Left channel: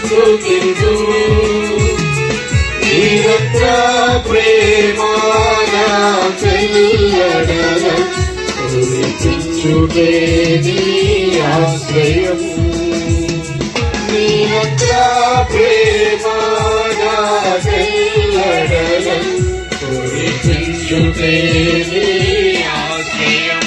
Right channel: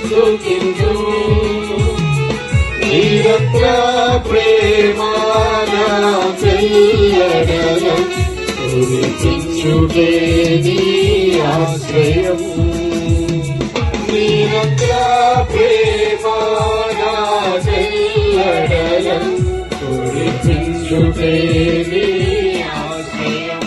స్తుతించు నీవత్ర ప్రేమాయ చెయ్యడనం స్తుతించుటే నీ ఆశ్రయం నీవత్ర ప్రేమాయ చెయ్యడనం స్తుతించుటే నీ ఆశ్రయం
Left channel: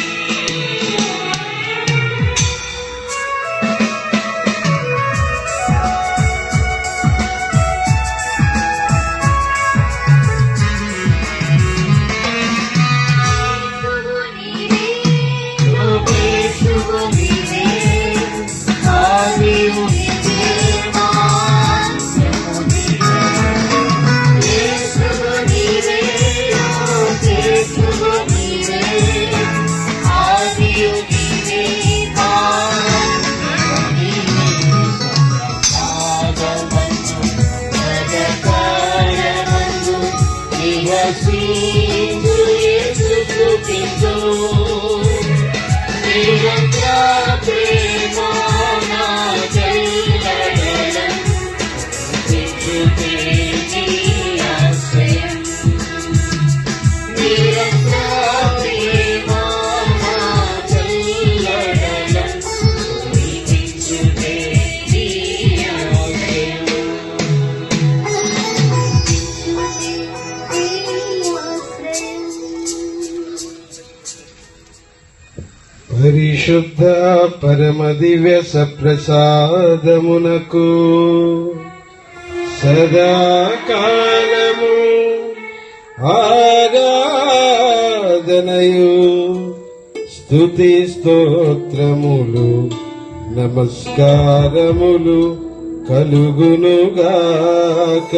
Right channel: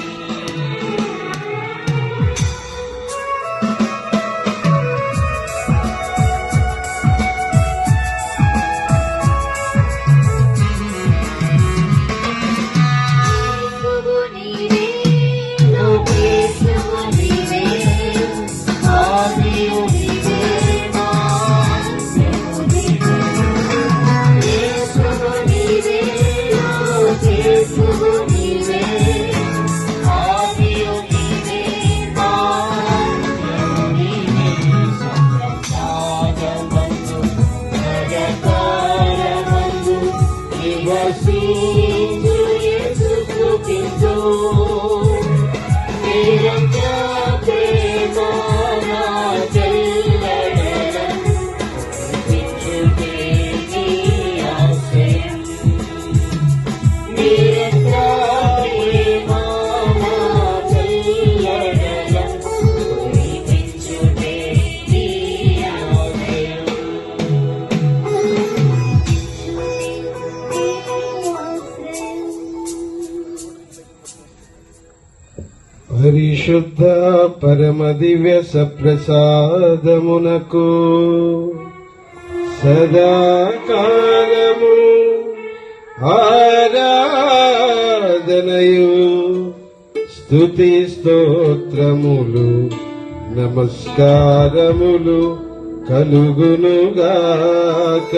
పరిశుద్ధ పరమ దివ్య సప్రసాదమునకు సదాకాలము ఆరాధనయు స్తుతి స్తోత్రములు నమస్కారములు కలుగునుగాక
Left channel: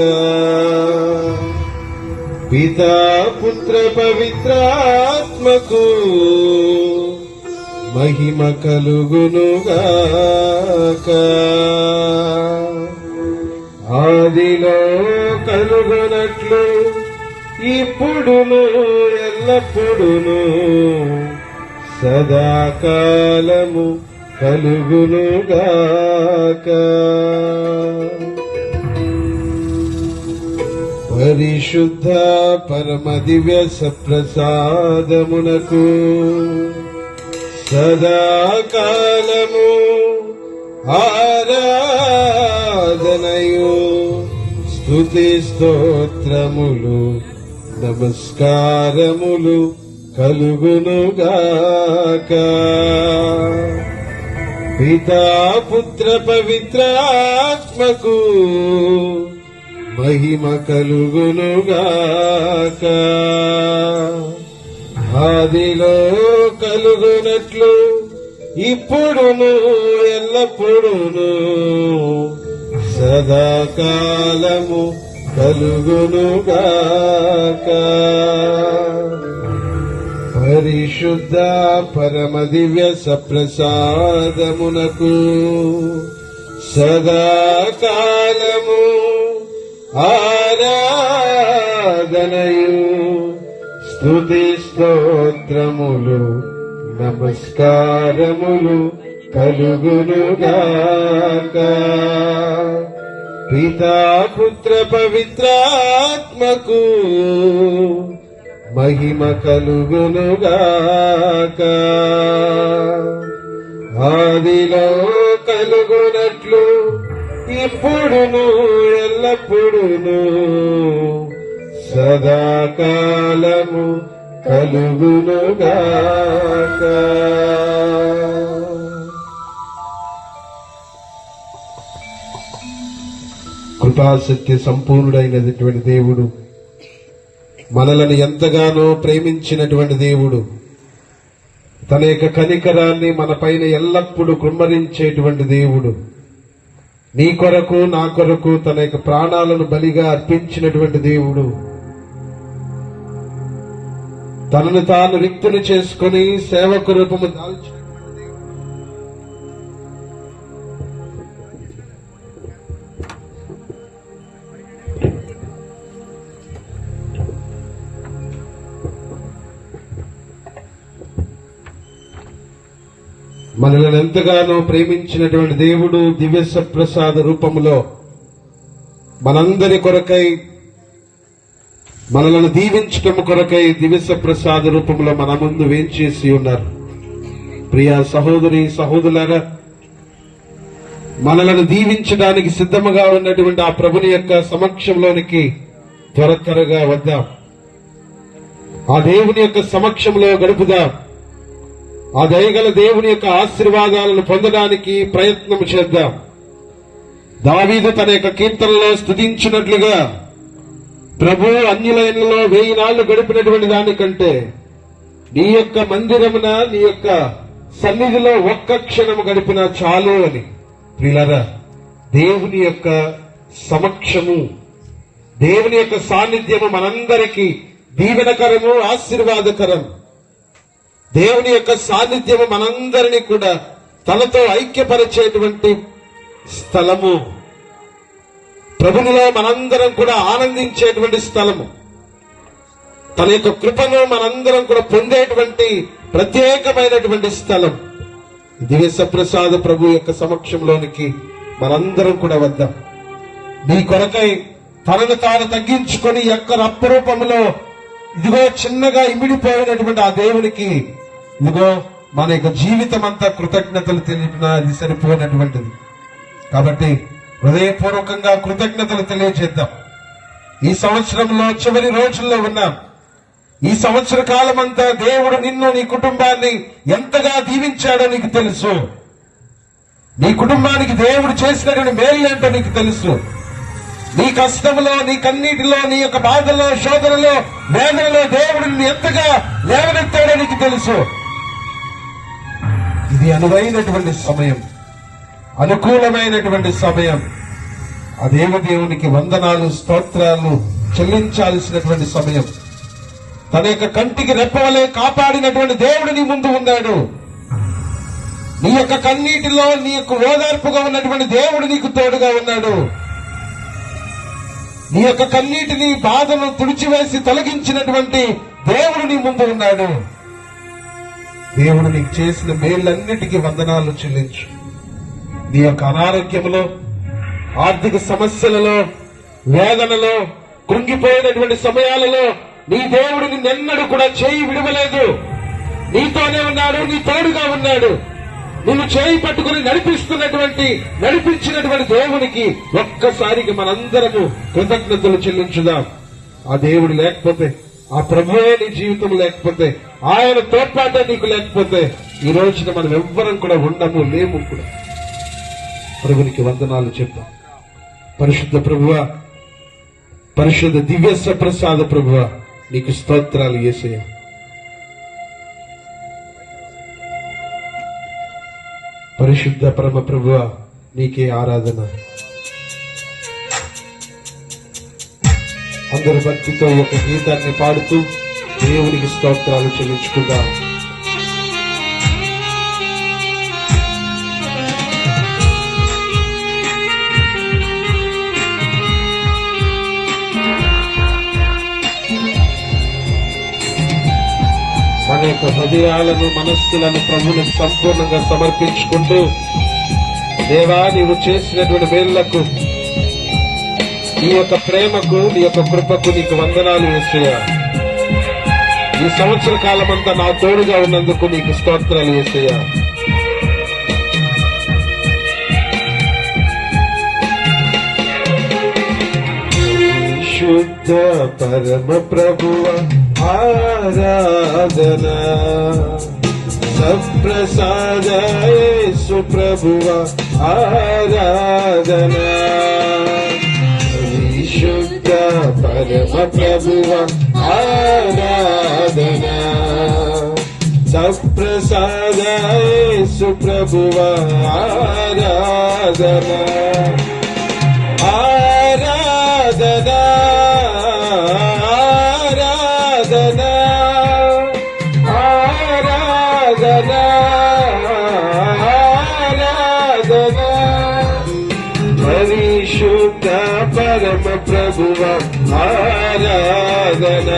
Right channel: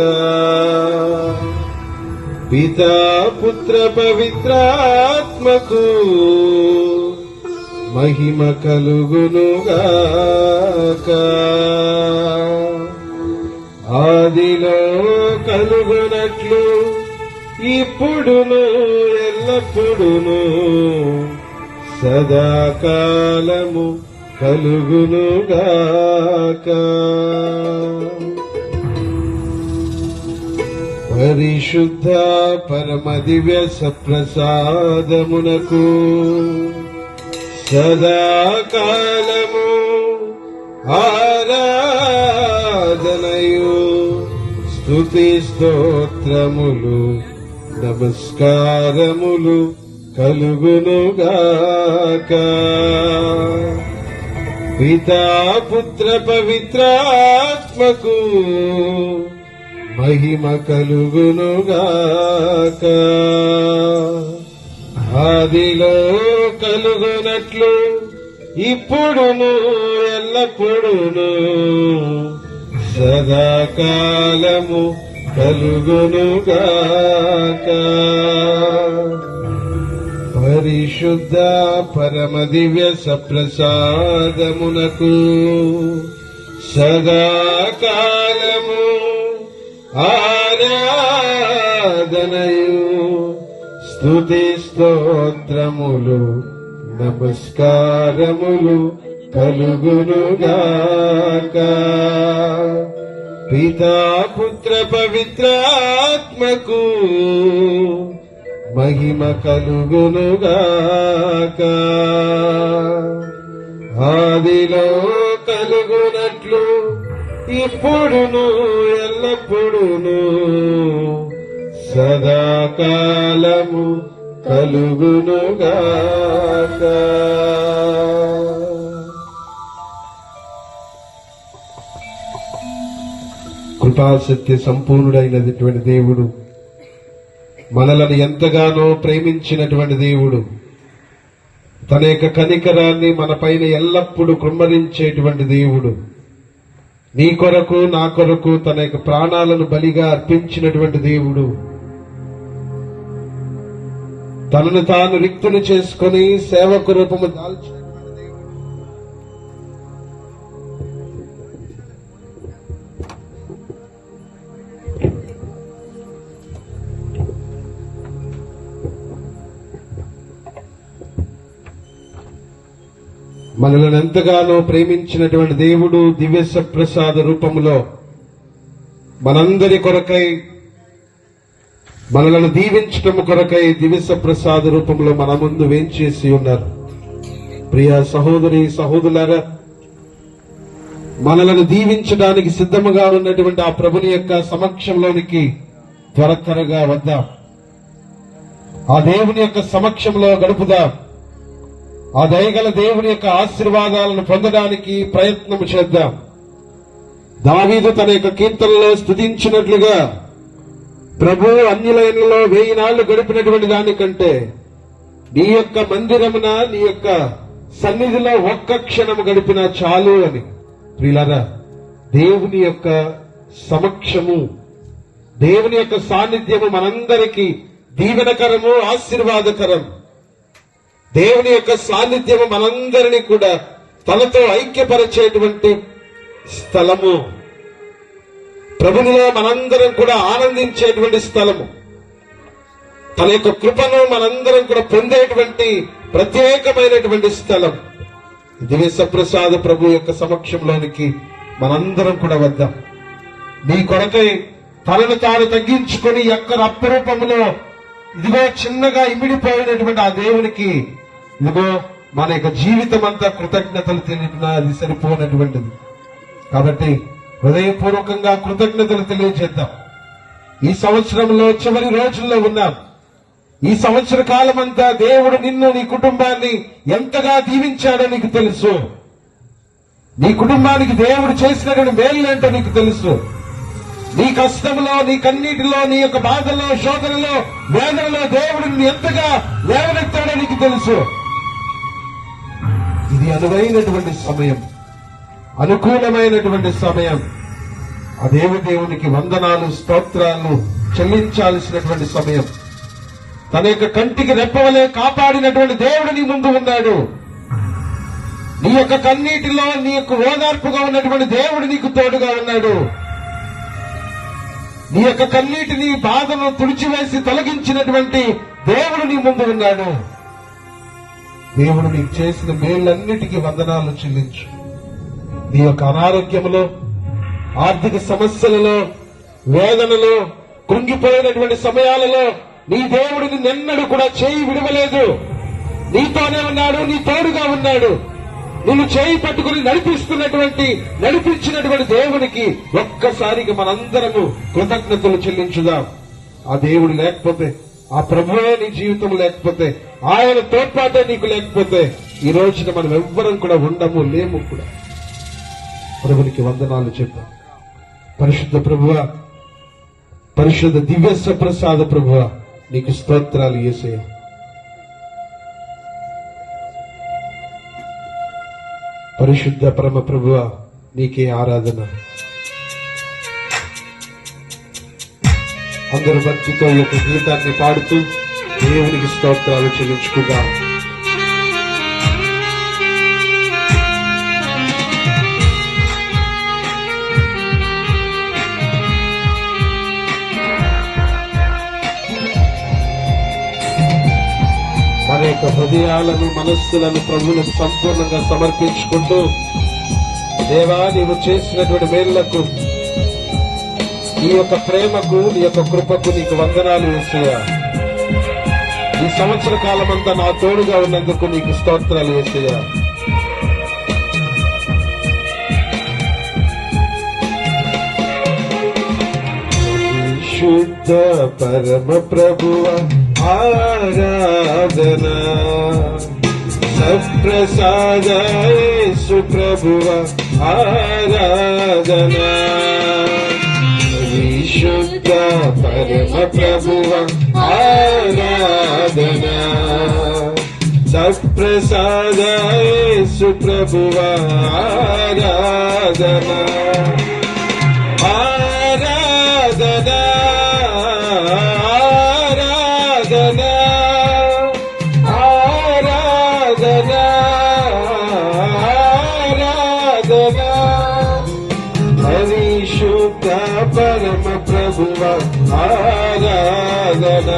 పితా పుత్ర పవిత్రాత్మకు మహిమ కలుగునుగాక ఆదిలో కలుగునట్లు ఇప్పుడును ఎల్లప్పుడును సదాకాలము కలుగునుగాక పరిశుద్ధ పరమ దివ్య సప్రసాదమునకు సదాకాలము ఆరాధనయు స్తుతి స్తోత్రములు నమస్కారములు కలుగునుగాక పితా పుత్ర పవిత్రాత్మకు మహిమ కలుగునుగాక ఆదిలో కలుగునట్లు ఇప్పుడును ఎల్లప్పుడును సదాకాలము కలుగునుగాక పరిశుద్ధ పరమ దివ్య సప్రసాదమునకు సదాకాలము ఆరాధనయు స్తుతి స్తోత్రములు నమస్కారములు కలుగునుగాక పితా పుత్ర పవిత్రాత్మకు మహిమ కలుగునుగాక ఆదిలో కలుగునట్లు ఇప్పుడును ఎల్లప్పుడును సదాకాలము కలుగునుగాక. కృపాసత్య సంపూర్ణుడైనటువంటి దేవుడు, మనలను ఎంతగానో ప్రేమించినటువంటి దేవుడు, తన యొక్క కనికరాన్ని మన పైన ఎల్లప్పుడూ కుమ్మరించేటువంటి దేవుడు, నీ కొరకు నా కొరకు తన యొక్క ప్రాణాలను బలిగా అర్పించినటువంటి దేవుడు, తనను తాను రిక్తుని చేసుకుని సేవకు రూపము దాల్చినటువంటి దేవుడు, మనలను ఎంతగానో ప్రేమించినటువంటి దేవుడు దివ్య ప్రసాద రూపంలో మనందరి కొరకై మనలను దీవించటం కొరకై దివ్య ప్రసాద రూపంలో మన ముందు వేంచేసి ఉన్నారు. ప్రియ సహోదరి సహోదరులారా, మనలను దీవించడానికి సిద్ధముగా ఉన్నటువంటి ఆ ప్రభుని యొక్క సమక్షంలోనికి త్వరగా వద్దాం. ఆ దేవుని యొక్క సమక్షంలో గడుపుదాం. ఆ దయగల దేవుని యొక్క ఆశీర్వాదాలను పొందడానికి ప్రయత్నం చేద్దాం. దావీదు తన యొక్క కీర్తనలో స్తుతించినట్లుగా, ప్రభు అన్యులైనలో 1000 నాళ్లు గడిపినటువంటి దానికంటే నీ యొక్క మందిరమున నీ యొక్క సన్నిధిలో ఒక్క క్షణం గడిపిన చాలు అని. ప్రియులారా, దేవుని యొక్క సమక్షము, దేవుని యొక్క సాన్నిధ్యము మనందరికీ దీవెనకరము, ఆశీర్వాదకరం. దేవుని యొక్క సాన్నిధ్యము మనందరినీ కూడా తనతో ఐక్యపరిచేటువంటి స్థలము. ప్రభునిలో మనందరం కూడా ఆనందించేటువంటి స్థలము. తన యొక్క కృపను మనందరం కూడా పొందేటువంటి ప్రత్యేకమైనటువంటి స్థలం. దివ్య ప్రసాద ప్రభు యొక్క సమక్షంలోనికి మనందరం కూడా వద్దాం. నీ కొరకై తనను తాను తగ్గించుకొని యొక్క అప్రూపంలో ఇదిగో చిన్నగా ఇమిడిపోయినటువంటి ఆ దేవునికి ఇదిగో మన యొక్క జీవితం అంతా కృతజ్ఞతలు తెలిపినా అది సరిపోయినటువంటిది. కాబట్టి హృదయపూర్వకంగా కృతజ్ఞతలు తెలియజేద్దాం. ఈ సంవత్సరంలో చివరి రోజుల్లో ఉన్నాం. ఈ సంవత్సర కాలం అంతా దేవుడు నిన్ను, నీ కుటుంబాన్ని ఎంతగా దీవించాడో నీకు తెలుసు. నీ కుటుంబానికి దేవుడు చేసినటువంటి మేలులేంటో నీకు తెలుసు. నీ కష్టంలో, నీ కన్నీటిలో, నీ యొక్క బాధలో, శోధనలో, వేదనలో దేవుడు నిన్ను ఎంతగా లేవనెత్తాడో నీకు తెలుసు. ఇది అనువైనటువంటి సమయం, అనుకూలమైనటువంటి సమయం. ఆ దేవునికి వందనాలు, స్తోత్రాలు చెల్లించాల్సినటువంటి సమయం. తన యొక్క కంటికి రెప్పవలే కాపాడినటువంటి దేవుడు నీ ముందు ఉన్నాడు. నీ యొక్క కన్నీటిలో నీ యొక్క ఓదార్పుగా ఉన్నటువంటి దేవుడు నీకు తోడుగా ఉన్నాడు. నీ యొక్క కన్నీటిని, బాధను తుడిచివేసి తొలగించినటువంటి దేవుడు నీ ముందు ఉన్నాడు. దేవుడు నీకు చేసిన మేళ్ళన్నిటికీ వందనాలు చెల్లించు. నీ యొక్క అనారోగ్యంలో, ఆర్థిక సమస్యలలో, వేదనలో, కృంగిపోయినటువంటి సమయాలలో నీ దేవుడు నిన్నెన్నడూ కూడా చేయి విడవలేదు. నీతోనే ఉన్నాడు, నీ తోడుగా ఉన్నాడు. నిన్ను చేయి పట్టుకుని నడిపించినటువంటి దేవునికి ఒక్కసారికి మనందరము కృతజ్ఞతలు చెల్లించుదాం. ఆ దేవుడు లేకపోతే, ఆ ప్రభువే నీ జీవితం లేకపోతే, ఆయన తోడ్పాటే నీకు లేకపోతే ఈ రోజున మనం ఎవ్వరం కూడా ఉండము, లేము కూడా. ప్రభునికి వందనాలు చెప్తాం. పరిశుద్ధ ప్రభువా, పరిశుద్ధ దివ్య ప్రసాద ప్రభువా, నీకు స్తోత్రాలు యేసయ్యా. పరిశుద్ధ పరమ ప్రభువా, నీకే ఆరాధన. అందరు భక్తితో ఈ యొక్క గీతాన్ని పాడుతూ దేవునికి స్తోత్రాలు చెల్లించుకుగా. మన యొక్క హృదయాలను, మనస్సులను ప్రభువును సంపూర్ణంగా సమర్పించుకుంటూ, దేవా నీవు చేసినటువంటి మేళ్లకు, నీ యొక్క ప్రేమకు, నీ యొక్క కృపకు నీకు వందనాలు యేసయ్యా. ఈ సంవత్సర కాలమంతా నా తోడుగా ఉన్నందుకు నీకు స్తోత్రాలు యేసయ్యా. శుద్ధ పరమ ప్రభువ ఆరాధన, సప్రసాద యేసు ప్రభువ ఆరాధన. శుద్ధ పరమ ప్రభువ ఆరాధన, సప్రసాద యేసు ప్రభువ ఆరాధన. పరిశుద్ధ పరమ ప్రభువ ఆరాధన,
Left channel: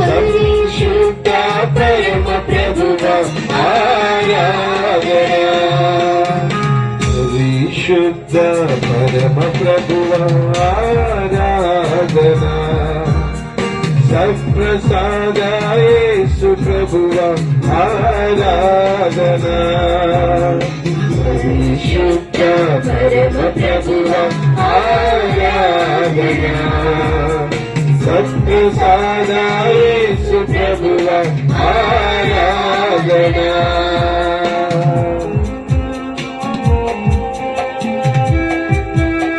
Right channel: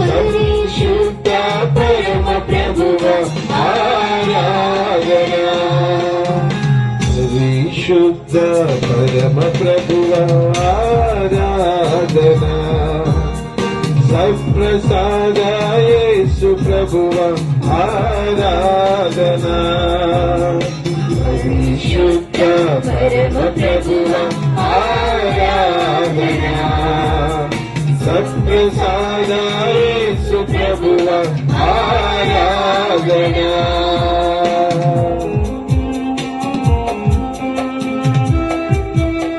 పరిశుద్ధ పరమ ప్రభువ ఆరాధన. పరిశుద్ధ పరిశుద్ధ పరమ ప్రభువా ఆరాధనా సత్ప్రసాద యేసు ప్రభువా ఆరాధనా పరిశుద్ధ పరమ ప్రభువా ఆరాధనా సత్ప్రసాద యేసు ప్రభువా ఆరాధనా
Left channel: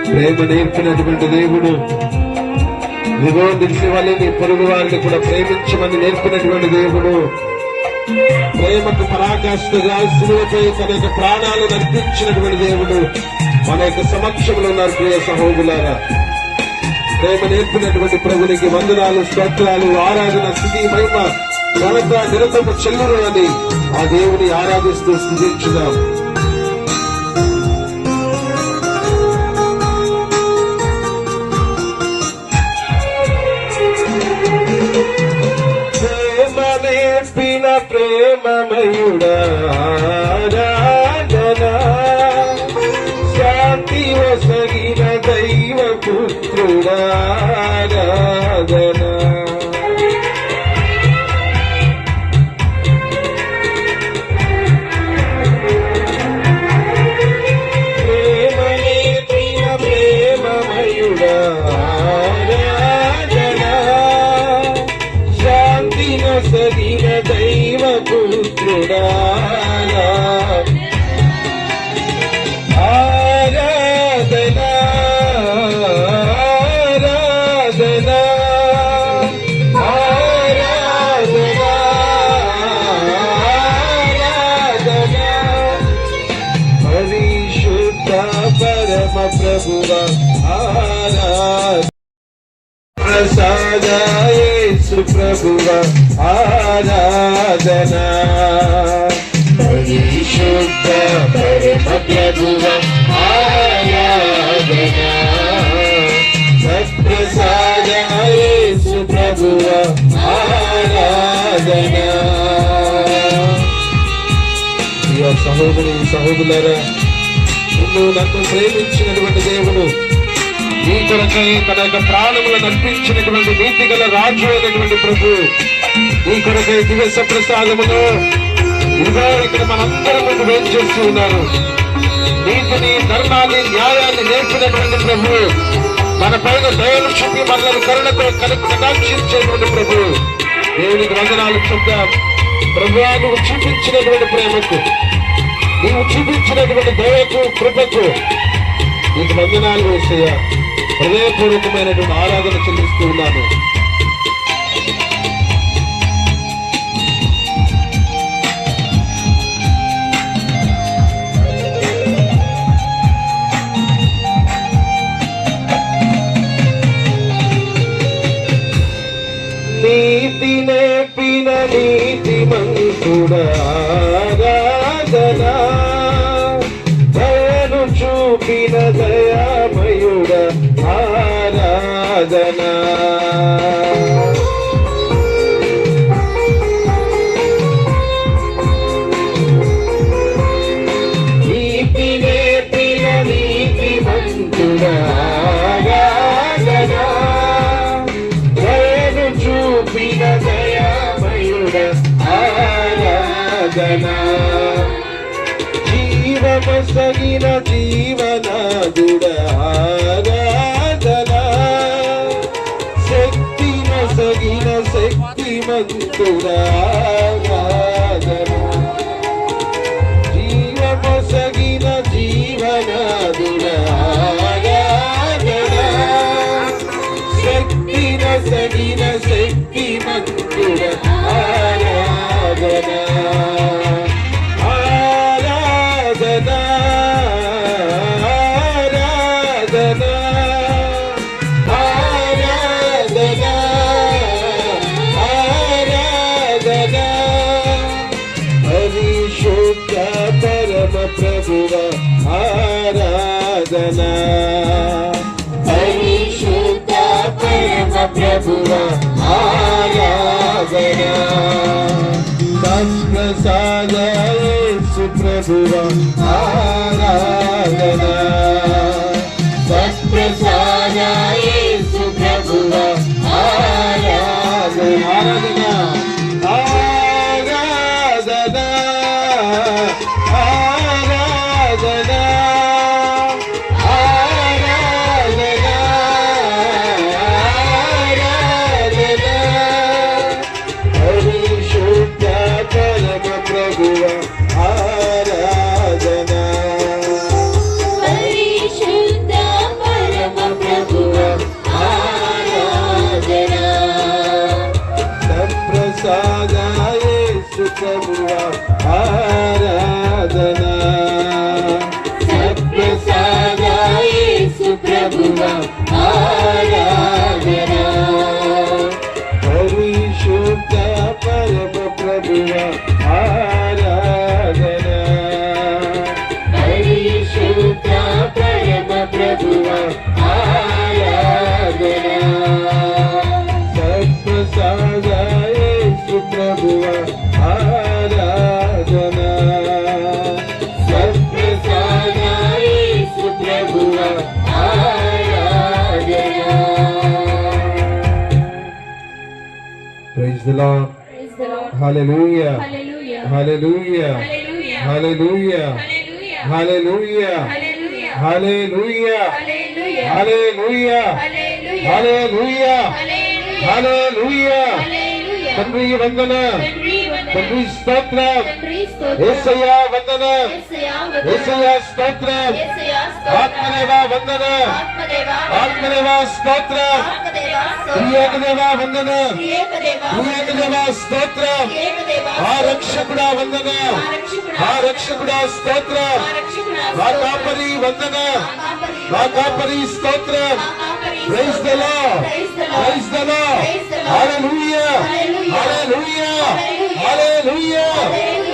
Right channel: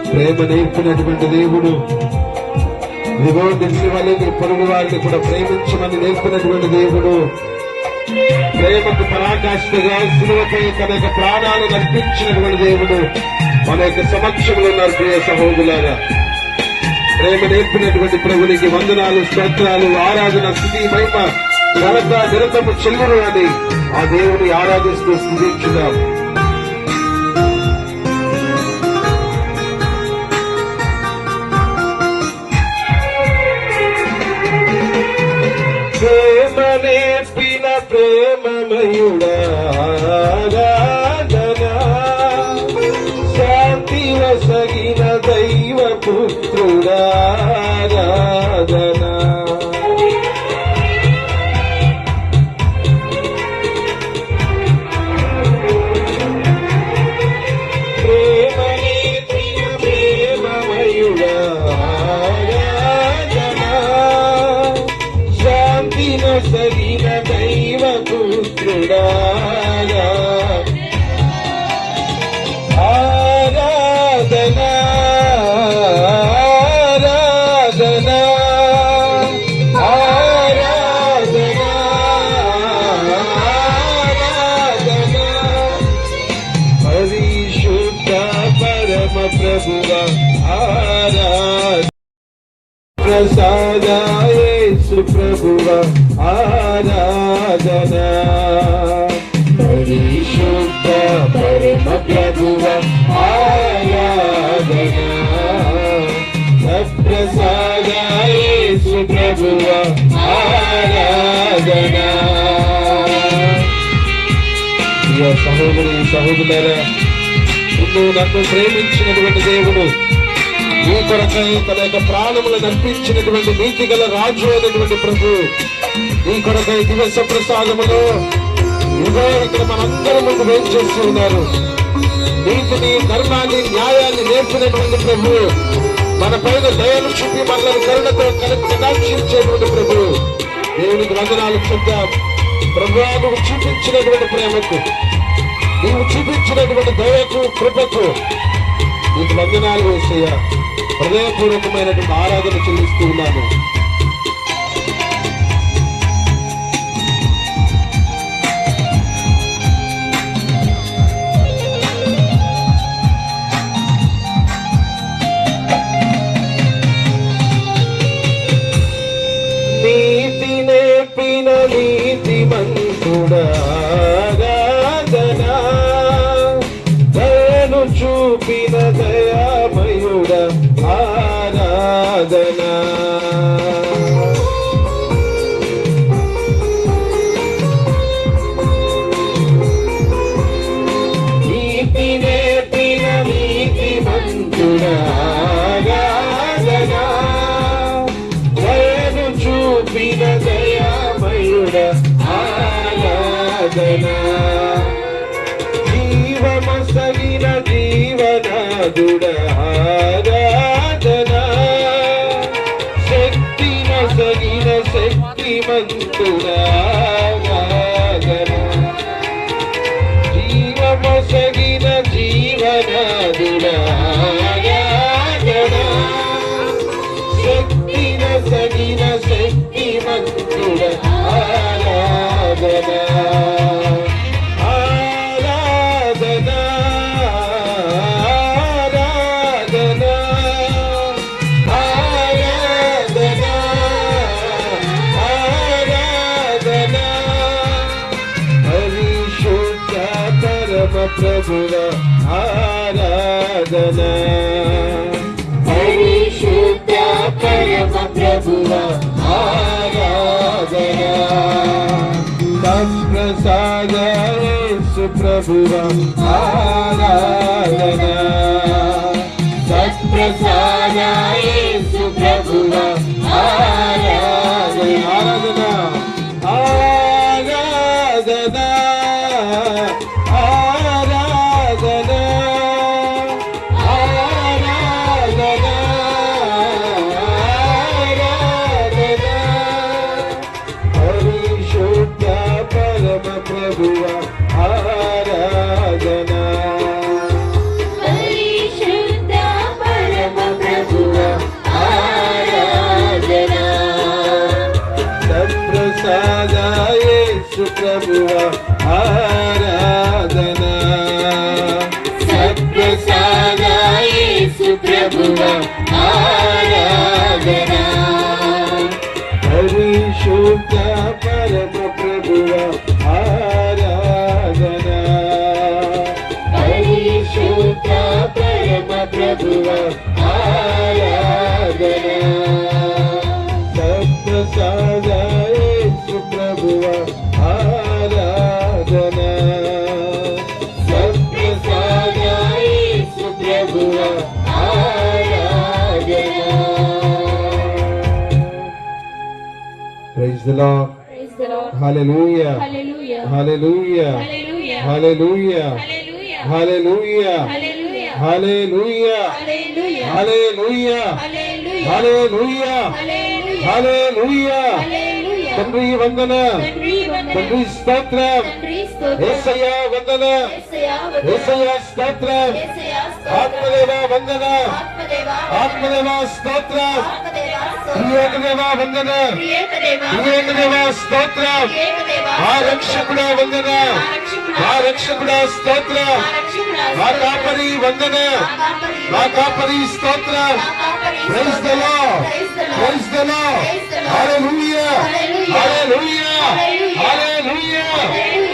ప్రేమ నేర్పినటువంటి దేవుడు విమోచించి వాళ్ళని పొరుగు వారిని కూడా ప్రేమించమని నేర్పినటువంటి దేవుడు ప్రేమకు పరాకాష్ఠగా శిలువపై తన యొక్క ప్రాణాలు అర్పించినటువంటి దేవుడు మన యొక్క సమక్షంలో ఉన్నారు. ప్రియ సహోదరులారా, ప్రేమ నేర్పినటువంటి ప్రభునికి వందనాలు, స్తోత్రాలు, ఆరాధన, స్థుతి, మహిమ, ఘనత, నిరతము చెల్లును అని ఆ దేవుని ఆరాధిస్తూ స్థుతించుదాం. నేర్పిన ప్రేమమయుడా ఆరాధనా శాంతి వసగిన దైవ పుత్రుడా ఆరాధనా ప్రేమ నేర్పిన ప్రేమమయుడా సరిన దైవ పుత్రుడా ఆరాధనా ఆరాధనా ఆరాధనా ఆరాధనా పరిశుద్ధ పరమ ప్రభువా ఆరాధనా ప్రసాద యేసు ప్రభువా ఆరాధనా పరిశుద్ధ పరమ ప్రభువా ఆరాధనా సత్ప్రసాద యేసు ప్రభువా ఆరాధనా. ప్రియ సహోదరి సహోదరులారా, నిన్ను నన్ను ప్రేమించినటువంటి దేవుడు నీ కొరకై తన యొక్క ప్రాణములను అర్పించినటువంటి నీతి గల రాజు అయినటువంటి ప్రభు నీ కొరకై దివస ప్రసాదములు ఇదిగో ఇక్కడ మనందరి ముందు వేచి చేస్తూ ఉన్నారు. నీతిని, ధర్మాన్ని, న్యాయాన్ని నేర్పినటువంటి ప్రభు మన పైన దయను చూపి మనల్ని కరుణతో కటాక్షించేటువంటి ప్రభు దేవునికి వందనాలు చెప్తాం. ప్రభువా, నువ్వు చూపించినటువంటి ప్రేమకు, నీవు చూపించినటువంటి దయకు, కృపకు నీకు వందనాలు యేసయ్య. హృదయపూర్వకమైనటువంటి ఆరాధన చెల్లిస్తూ ఉన్నాను. నీతి నేర్పిన నీతిమంతుడా ఆరాధనా దయను చూపిన దయామయుడా ఆరాధనా నీతి నేర్పిన నీతిమంతుడా ఆరాధనా దయను చూపిన దయామయుడా ఆరాధనా జీవమసగిన జీవనాదుడా ఆరాధనా శక్తి నొసగిన శక్తిమంతుడా ఆరాధనా జీవమసగిన జీవనాదుడా ఆరాధనా శక్తి నొసగిన శక్తిమంతుడా ఆరాధనా ప్రభువా ఆరాధనా పరిశుద్ధ పరమ ప్రభువా ఆరాధనా సత్ప్రసాద యేసు ప్రభువా ఆరాధనా ప్రభువ ఆరాధన పరిశుద్ధ పరమ ప్రభువ ఆరాధన పరిశుద్ధ పరమ ప్రభువ ఆరాధన సత్ప్రసాద యేసు ప్రభువ ఆరాధన సత్ప్రసాద యేసు ప్రభువ ఆరాధన praise the lord Praise the Lord. Hallelujah Hallelujah. Hallelujah Hallelujah. Hallelujah Hallelujah. Hallelujah Hallelujah. Hallelujah Hallelujah. Hallelujah Hallelujah. Hallelujah Hallelujah. Hallelujah Hallelujah. తండ్రి వందన తండ్రి వందనం. తండ్రి స్తోత్రం తండ్రి స్తోత్రం. యేసయ్యా వందనం యేసయ్యా వందనం. యేసయ్యా స్తోత్రం యేసయ్యా స్తోత్రం. ఆత్మదేవా వందనం ఆత్మదేవా ఆత్మదేవా స్తోత్రం ఆత్మదేవా స్తోత్రం. ప్రియేకదేవా వందనం ప్రియేకదేవా ప్రియేకదేవా స్తోత్రం ప్రియేకదేవా మా రక్షకుడా వందనం మా రక్షకుడా స్తోత్రం మా కాపరి వందనం మా కాపరి స్తోత్రం praise the Lord praise the Lord హల్లెలూయా హల్లెలూయా హల్లెలూయా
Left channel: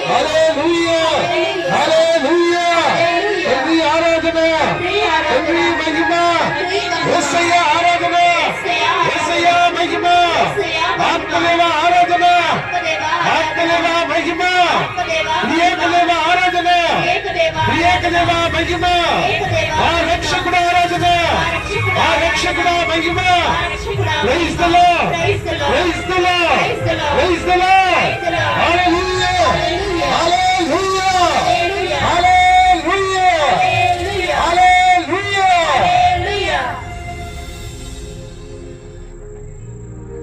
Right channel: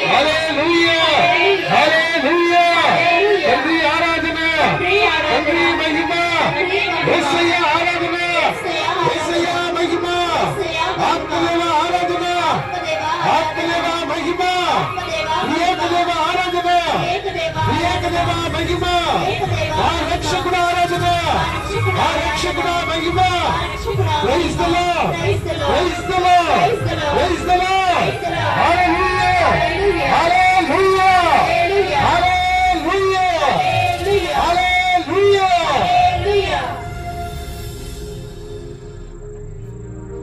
హల్లెలూయా హల్లెలూయా తండ్రి ఆరాధన తండ్రి మహిమ యేసయ్యా ఆరాధన యేసయ్యా మహిమ ఆత్మదేవ ఆరాధన ఆత్మదేవ మహిమ ప్రియేకదేవ ఆరాధన ప్రియేకదేవ మహిమ మా రక్షకుడు ఆరాధన మా రక్షకుడు మహిమ praise the Lord praise the Lord praise the Lord హల్లెలూయా హల్లెలూయా హల్లెలూయా హల్లెలూయా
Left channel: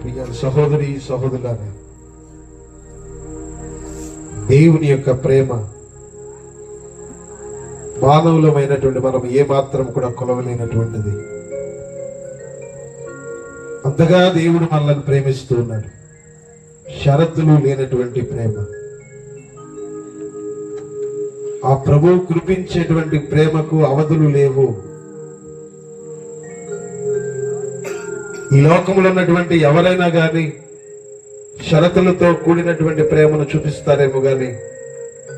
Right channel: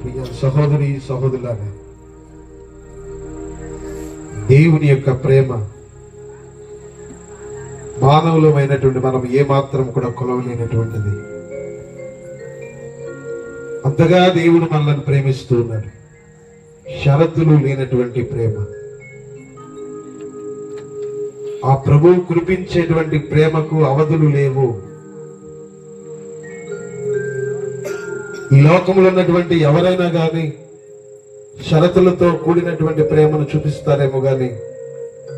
ప్రియ సహోదరి సహోదరులారా దేవుని యొక్క ప్రేమ మానవులమైనటువంటి మనం ఏ మాత్రం కూడా కొలవలేనటువంటిది. అంతగా దేవుడు మనల్ని ప్రేమిస్తూ ఉన్నాడు. షరతులు లేనటువంటి ప్రేమ. ఆ ప్రభువు కురిపించేటువంటి ప్రేమకు అవధులు లేవు. ఈ లోకంలో ఉన్నటువంటి ఎవరైనా గాని షరతులతో కూడినటువంటి ప్రేమను చూపిస్తారేమో గాని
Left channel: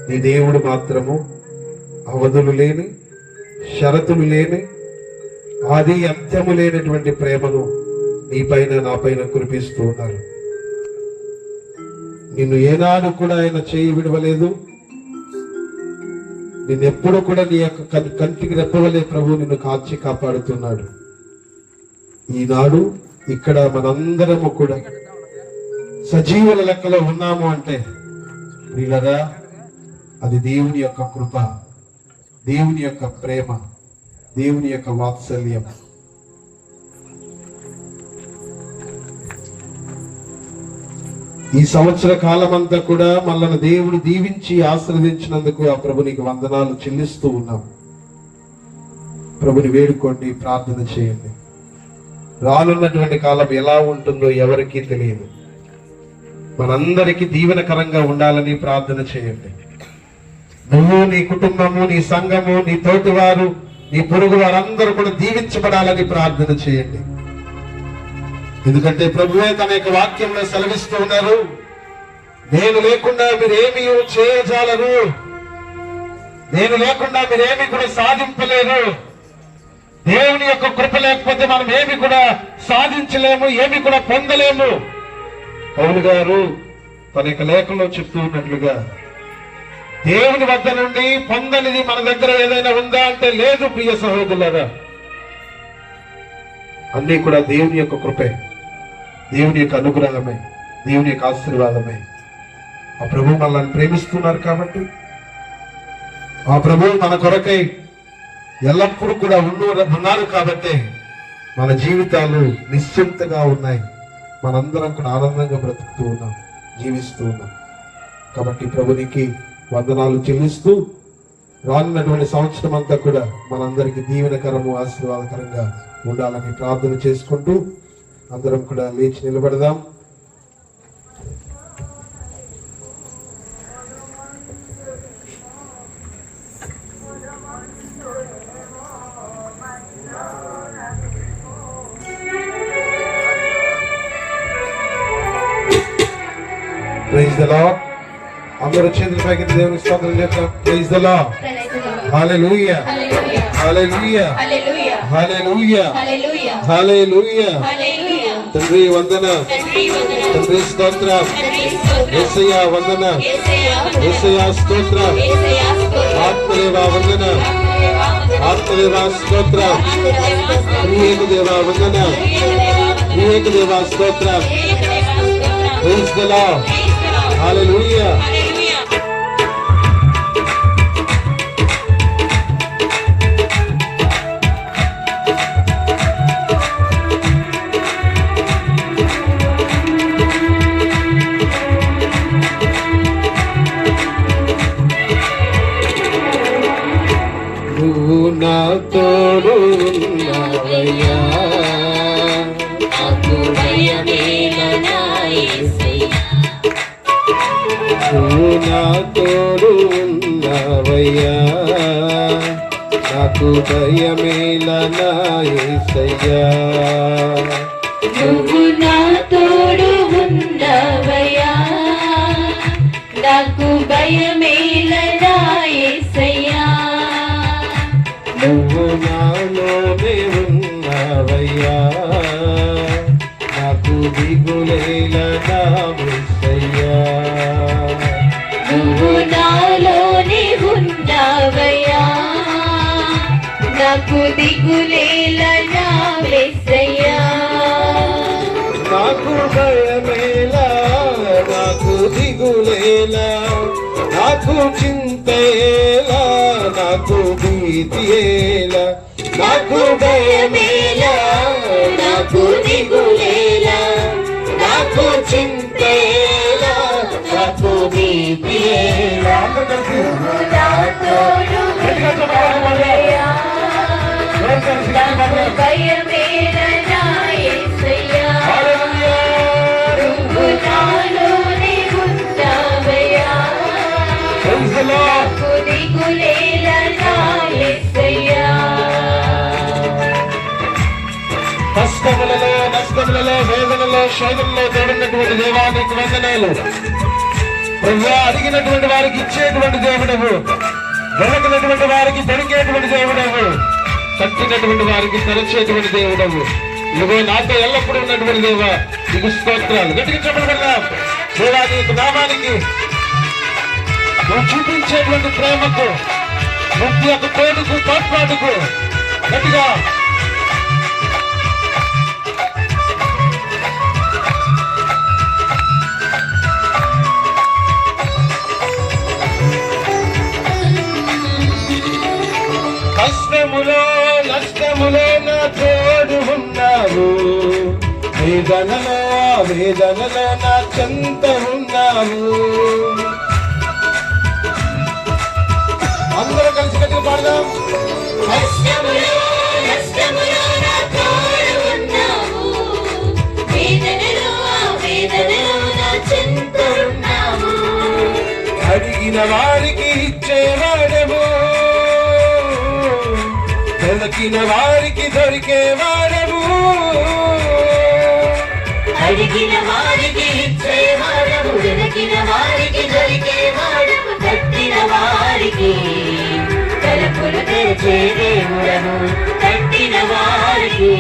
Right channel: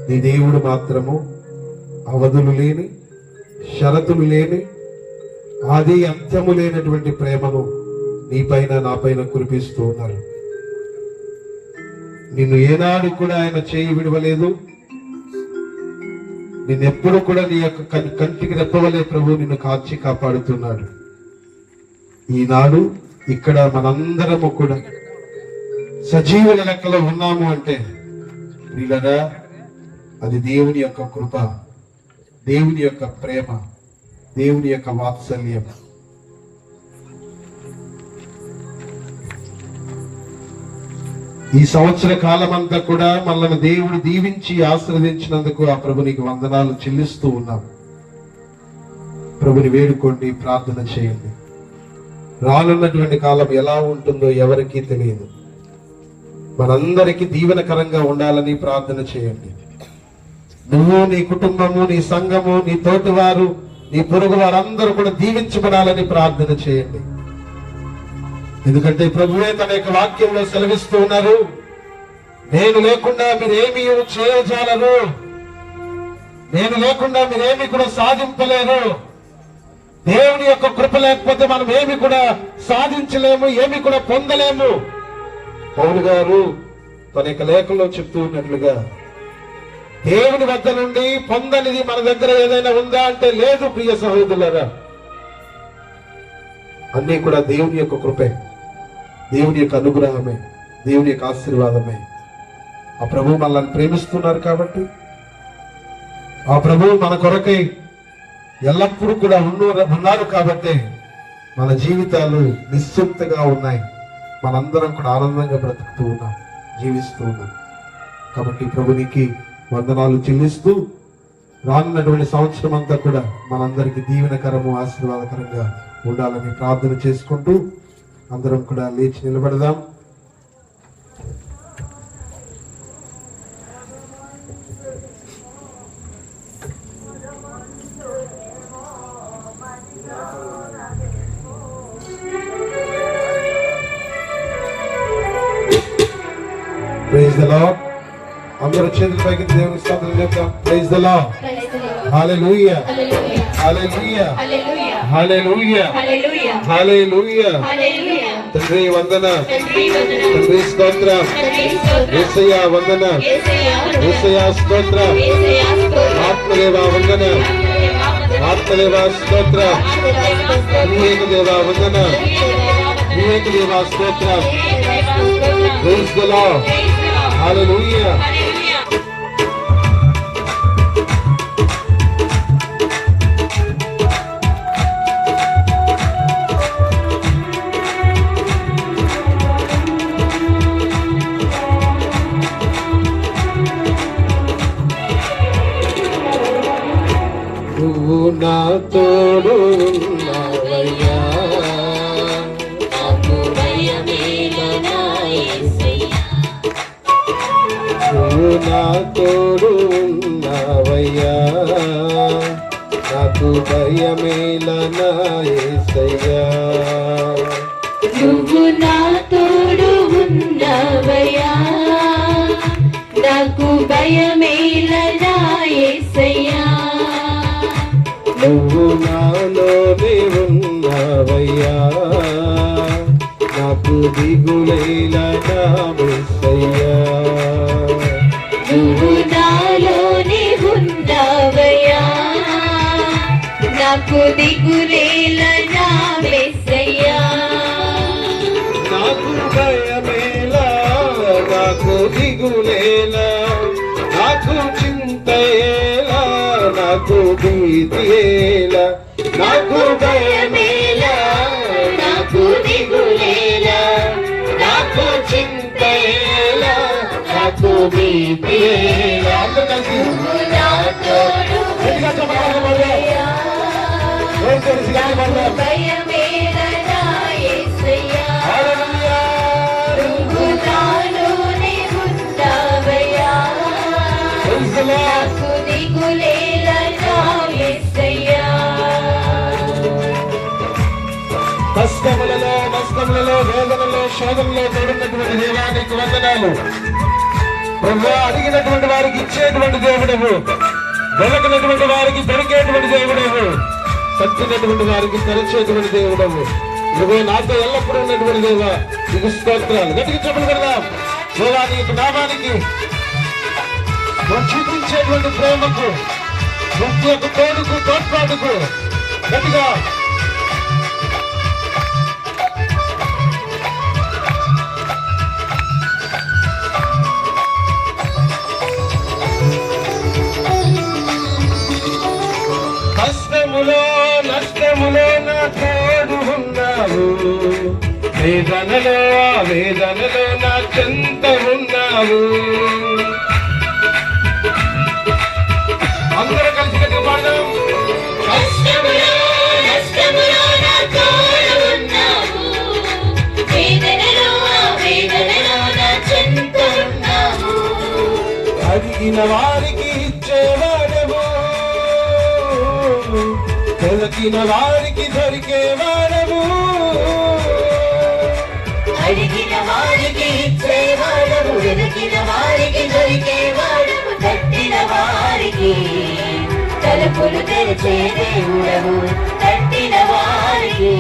నీ దేవుడు మాత్రము అవధులు లేని, షరతులు లేని, ఆది అంత్యము లేనటువంటి ప్రేమను నీ పైన నా పైన కురిపిస్తూ ఉన్నారు. నిన్ను ఏనాడు కూడా ఆయన చేయి విడవలేదు. నిన్నెప్పుడు కూడా నీ యొక్క కంటికి రెప్పవలే ప్రభు నిన్ను కాచి కాపాడుతున్నాడు. ఈనాడు ఇక్కడ మనందరము కూడా సజీవుల లెక్కలో ఉన్నాము అంటే ప్రియులరా, అది దేవుని యొక్క కృప, దేవుని యొక్క ప్రేమ, దేవుని యొక్క వాత్సల్యం. ఈ సంవత్సర కాలమంతా కూడా మనల్ని దేవుడు దీవించి ఆశీర్వదించినందుకు ఆ ప్రభునికి వందనాలు చెల్లిస్తూ ఉన్నాం. ప్రభుని వేడుకోండి, ప్రార్థన చేయండి. రానున్నటువంటి కాలం ఎలా ఉంటుందో ఎవరికీ తెలియదు. మనందరికీ దీవెనకరంగా ఉండాలని ప్రార్థన చేయండి. నువ్వు, నీ కుటుంబము, నీ సంఘము, నీ తోటివారు, నీ పొరుగు వారందరూ కూడా దీవించబడాలని ప్రార్థన చేయండి. ఎందుకంటే ప్రభువే తన యొక్క వాక్యంలో సెలవిస్తూ ఉన్నారు, నేను లేకుండా మీరేమీ చేయజాలరు, నేను లేకుండా మీరేమీ కూడా సాధింపలేరు. దేవుని యొక్క కృప లేకపోతే మనం ఏమి కూడా సాధించలేము, ఏమి కూడా పొందలేము. పౌలు గారు తన యొక్క లేఖలో చెప్తూ ఉన్నట్లుగా దేవుని వద్ద నుండి పొందనిది మన దగ్గర ఏదైనా ఉందా అంటే లేదు. ప్రియ సహోదరులారా, అన్నీ కూడా దేవుని యొక్క కృపే, దేవుని యొక్క అనుగ్రహమే, దేవుని యొక్క ఆశీర్వాదమే. ఆ ప్రభువు మనల్ని ప్రేమిస్తున్నారు కాబట్టి, ఆ ప్రభువు మన కొరకై ఎల్లప్పుడూ కూడా ఉన్నారు కాబట్టి మన జీవితాలు నిశ్చింతగా ఉన్నాయి. మనందరం కూడా ఆనందంగా బ్రతుకుతూ ఉన్నాం, జీవిస్తూ ఉన్నాం. కాబట్టి ప్రభునికి వందనాలు చెల్లిస్తూ రానున్నటువంటి సంవత్సరం అంతా కూడా మనందరికీ దీవెనకరము, ఆశీర్వాదకరంగా ఉండాలని ప్రార్థన చేసుకుంటూ అందరం కూడా లేచి నిలబడదాం. The lord. అందరూ చేతుల పైకి దేవుని స్తోత్రం చెప్తాం. Praise the lord. హల్లెలూయా హల్లెలూయా హల్లెలూయా హల్లెలూయా. తండ్రి వందన, తండ్రి స్తోత్ర, యేసయ్య వందన, యేసయ్య స్తోత్ర, ఆత్మదేవ వందన, ఆత్మదేవ స్తోత్ర, వివేక దేవ వందన, వివేక దేవ స్తోత్ర. Praise the lord. హల్లెలూయా. నువ్వు నా తోడు ఉన్నావయ్యా, నాకు భయమేల నా యేసయ్యా. నువ్వు నా తోడు ఉన్నావయ్యా, నాకు భయమేల నా యేసయ్యా. నువ్వు నా తోడు ఉన్నావయ్యా, నాకు భయమేల నా యేసయ్యా. నువ్వు నాలోనే ఉన్నావయ్యా, నాకు దిగులేల నా యేసయ్యా. నువ్వు నాలోనే ఉన్నావయ్యా, నాకు దిగులేల నా యేసయ్యా. నాకు భయమేలా, నాకు దిగులేలా, నాకు చింతేలా, నాకు భీతియేలా. నాకు భయమేలా, నాకు దిగులేల, నాకు చింతేల, నాకు భీతియేల. నువ్వు నా తోడు ఉన్నావయ్యా, నాకు భయమేల నా యేసయ్యా. నువ్వు నాలోనే ఉన్నావయ్యా, నాకు దిగులేల నా యేసయ్యా. కష్టములలో, నష్టములలో, వేదనలో, శోధనలో తోడున్నటువంటి దేవానికి వందనాలు. ప్రభువా, అడిగినటువంటి వారికి ఇచ్చేటువంటి దేవుడవు, వెలకినటువంటి వారికి దొరికేటువంటి దేవుడవు, తప్పినటువంటి వారికి తలచేటువంటి దేవుడవు. ఇదిగో నాతో ఎల్లప్పుడూ ఉన్నటువంటి దేవ, నీకు స్తోత్రాలు. గట్టిగా చెప్పగలరా దేవా, నీకు నామానికి నువ్వు చూపించేటువంటి ప్రేమకు, ప్రతి ఒక్క తోడుకు, తోడ్పాటుకు గట్టిగా కష్టములో, నష్టములో నా తోడు ఉన్నావు, వేదనలో, వేదనలో నా చెంత ఉన్నావు. అందరూ కలిసి గట్టిగా పాడదాం. కష్టములో, నష్టములో నా తోడు ఉన్నావు, వేదనలో, వేదనలో నా చెంత ఉన్నావు. అడిగిన వారికి ఇచ్చేవాడము, వెలకిన వారికి దొరికేవాడము. అడిగిన వారికి ఇచ్చేవాడము, వెతికిన వారికి దొరికేవాడము. తట్టిన వారికి తలుపులు తెరిచే దేవుడము, తట్టిన వారికి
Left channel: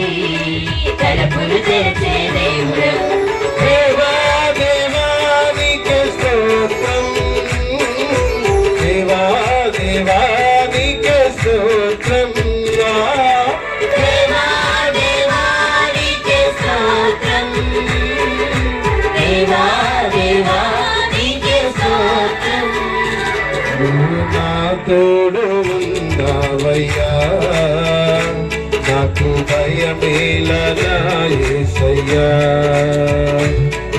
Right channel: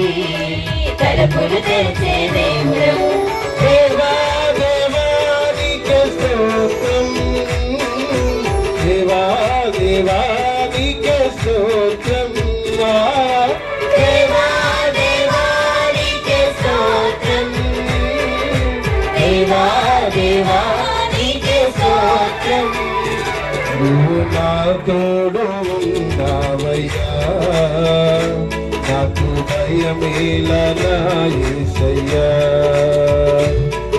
తలుపులు తెరిచే దేవుడము. దేవా, దేవా నీకే స్తోత్రం, దేవా, దేవా నీకే స్తోత్రం. దేవా, దేవా నీకే స్తోత్రం, దేవా, దేవా నీకే స్తోత్రం. నువ్వు నా తోడు ఉన్నావయ్యా, నాకు భయమేల నా యేసయ్యా.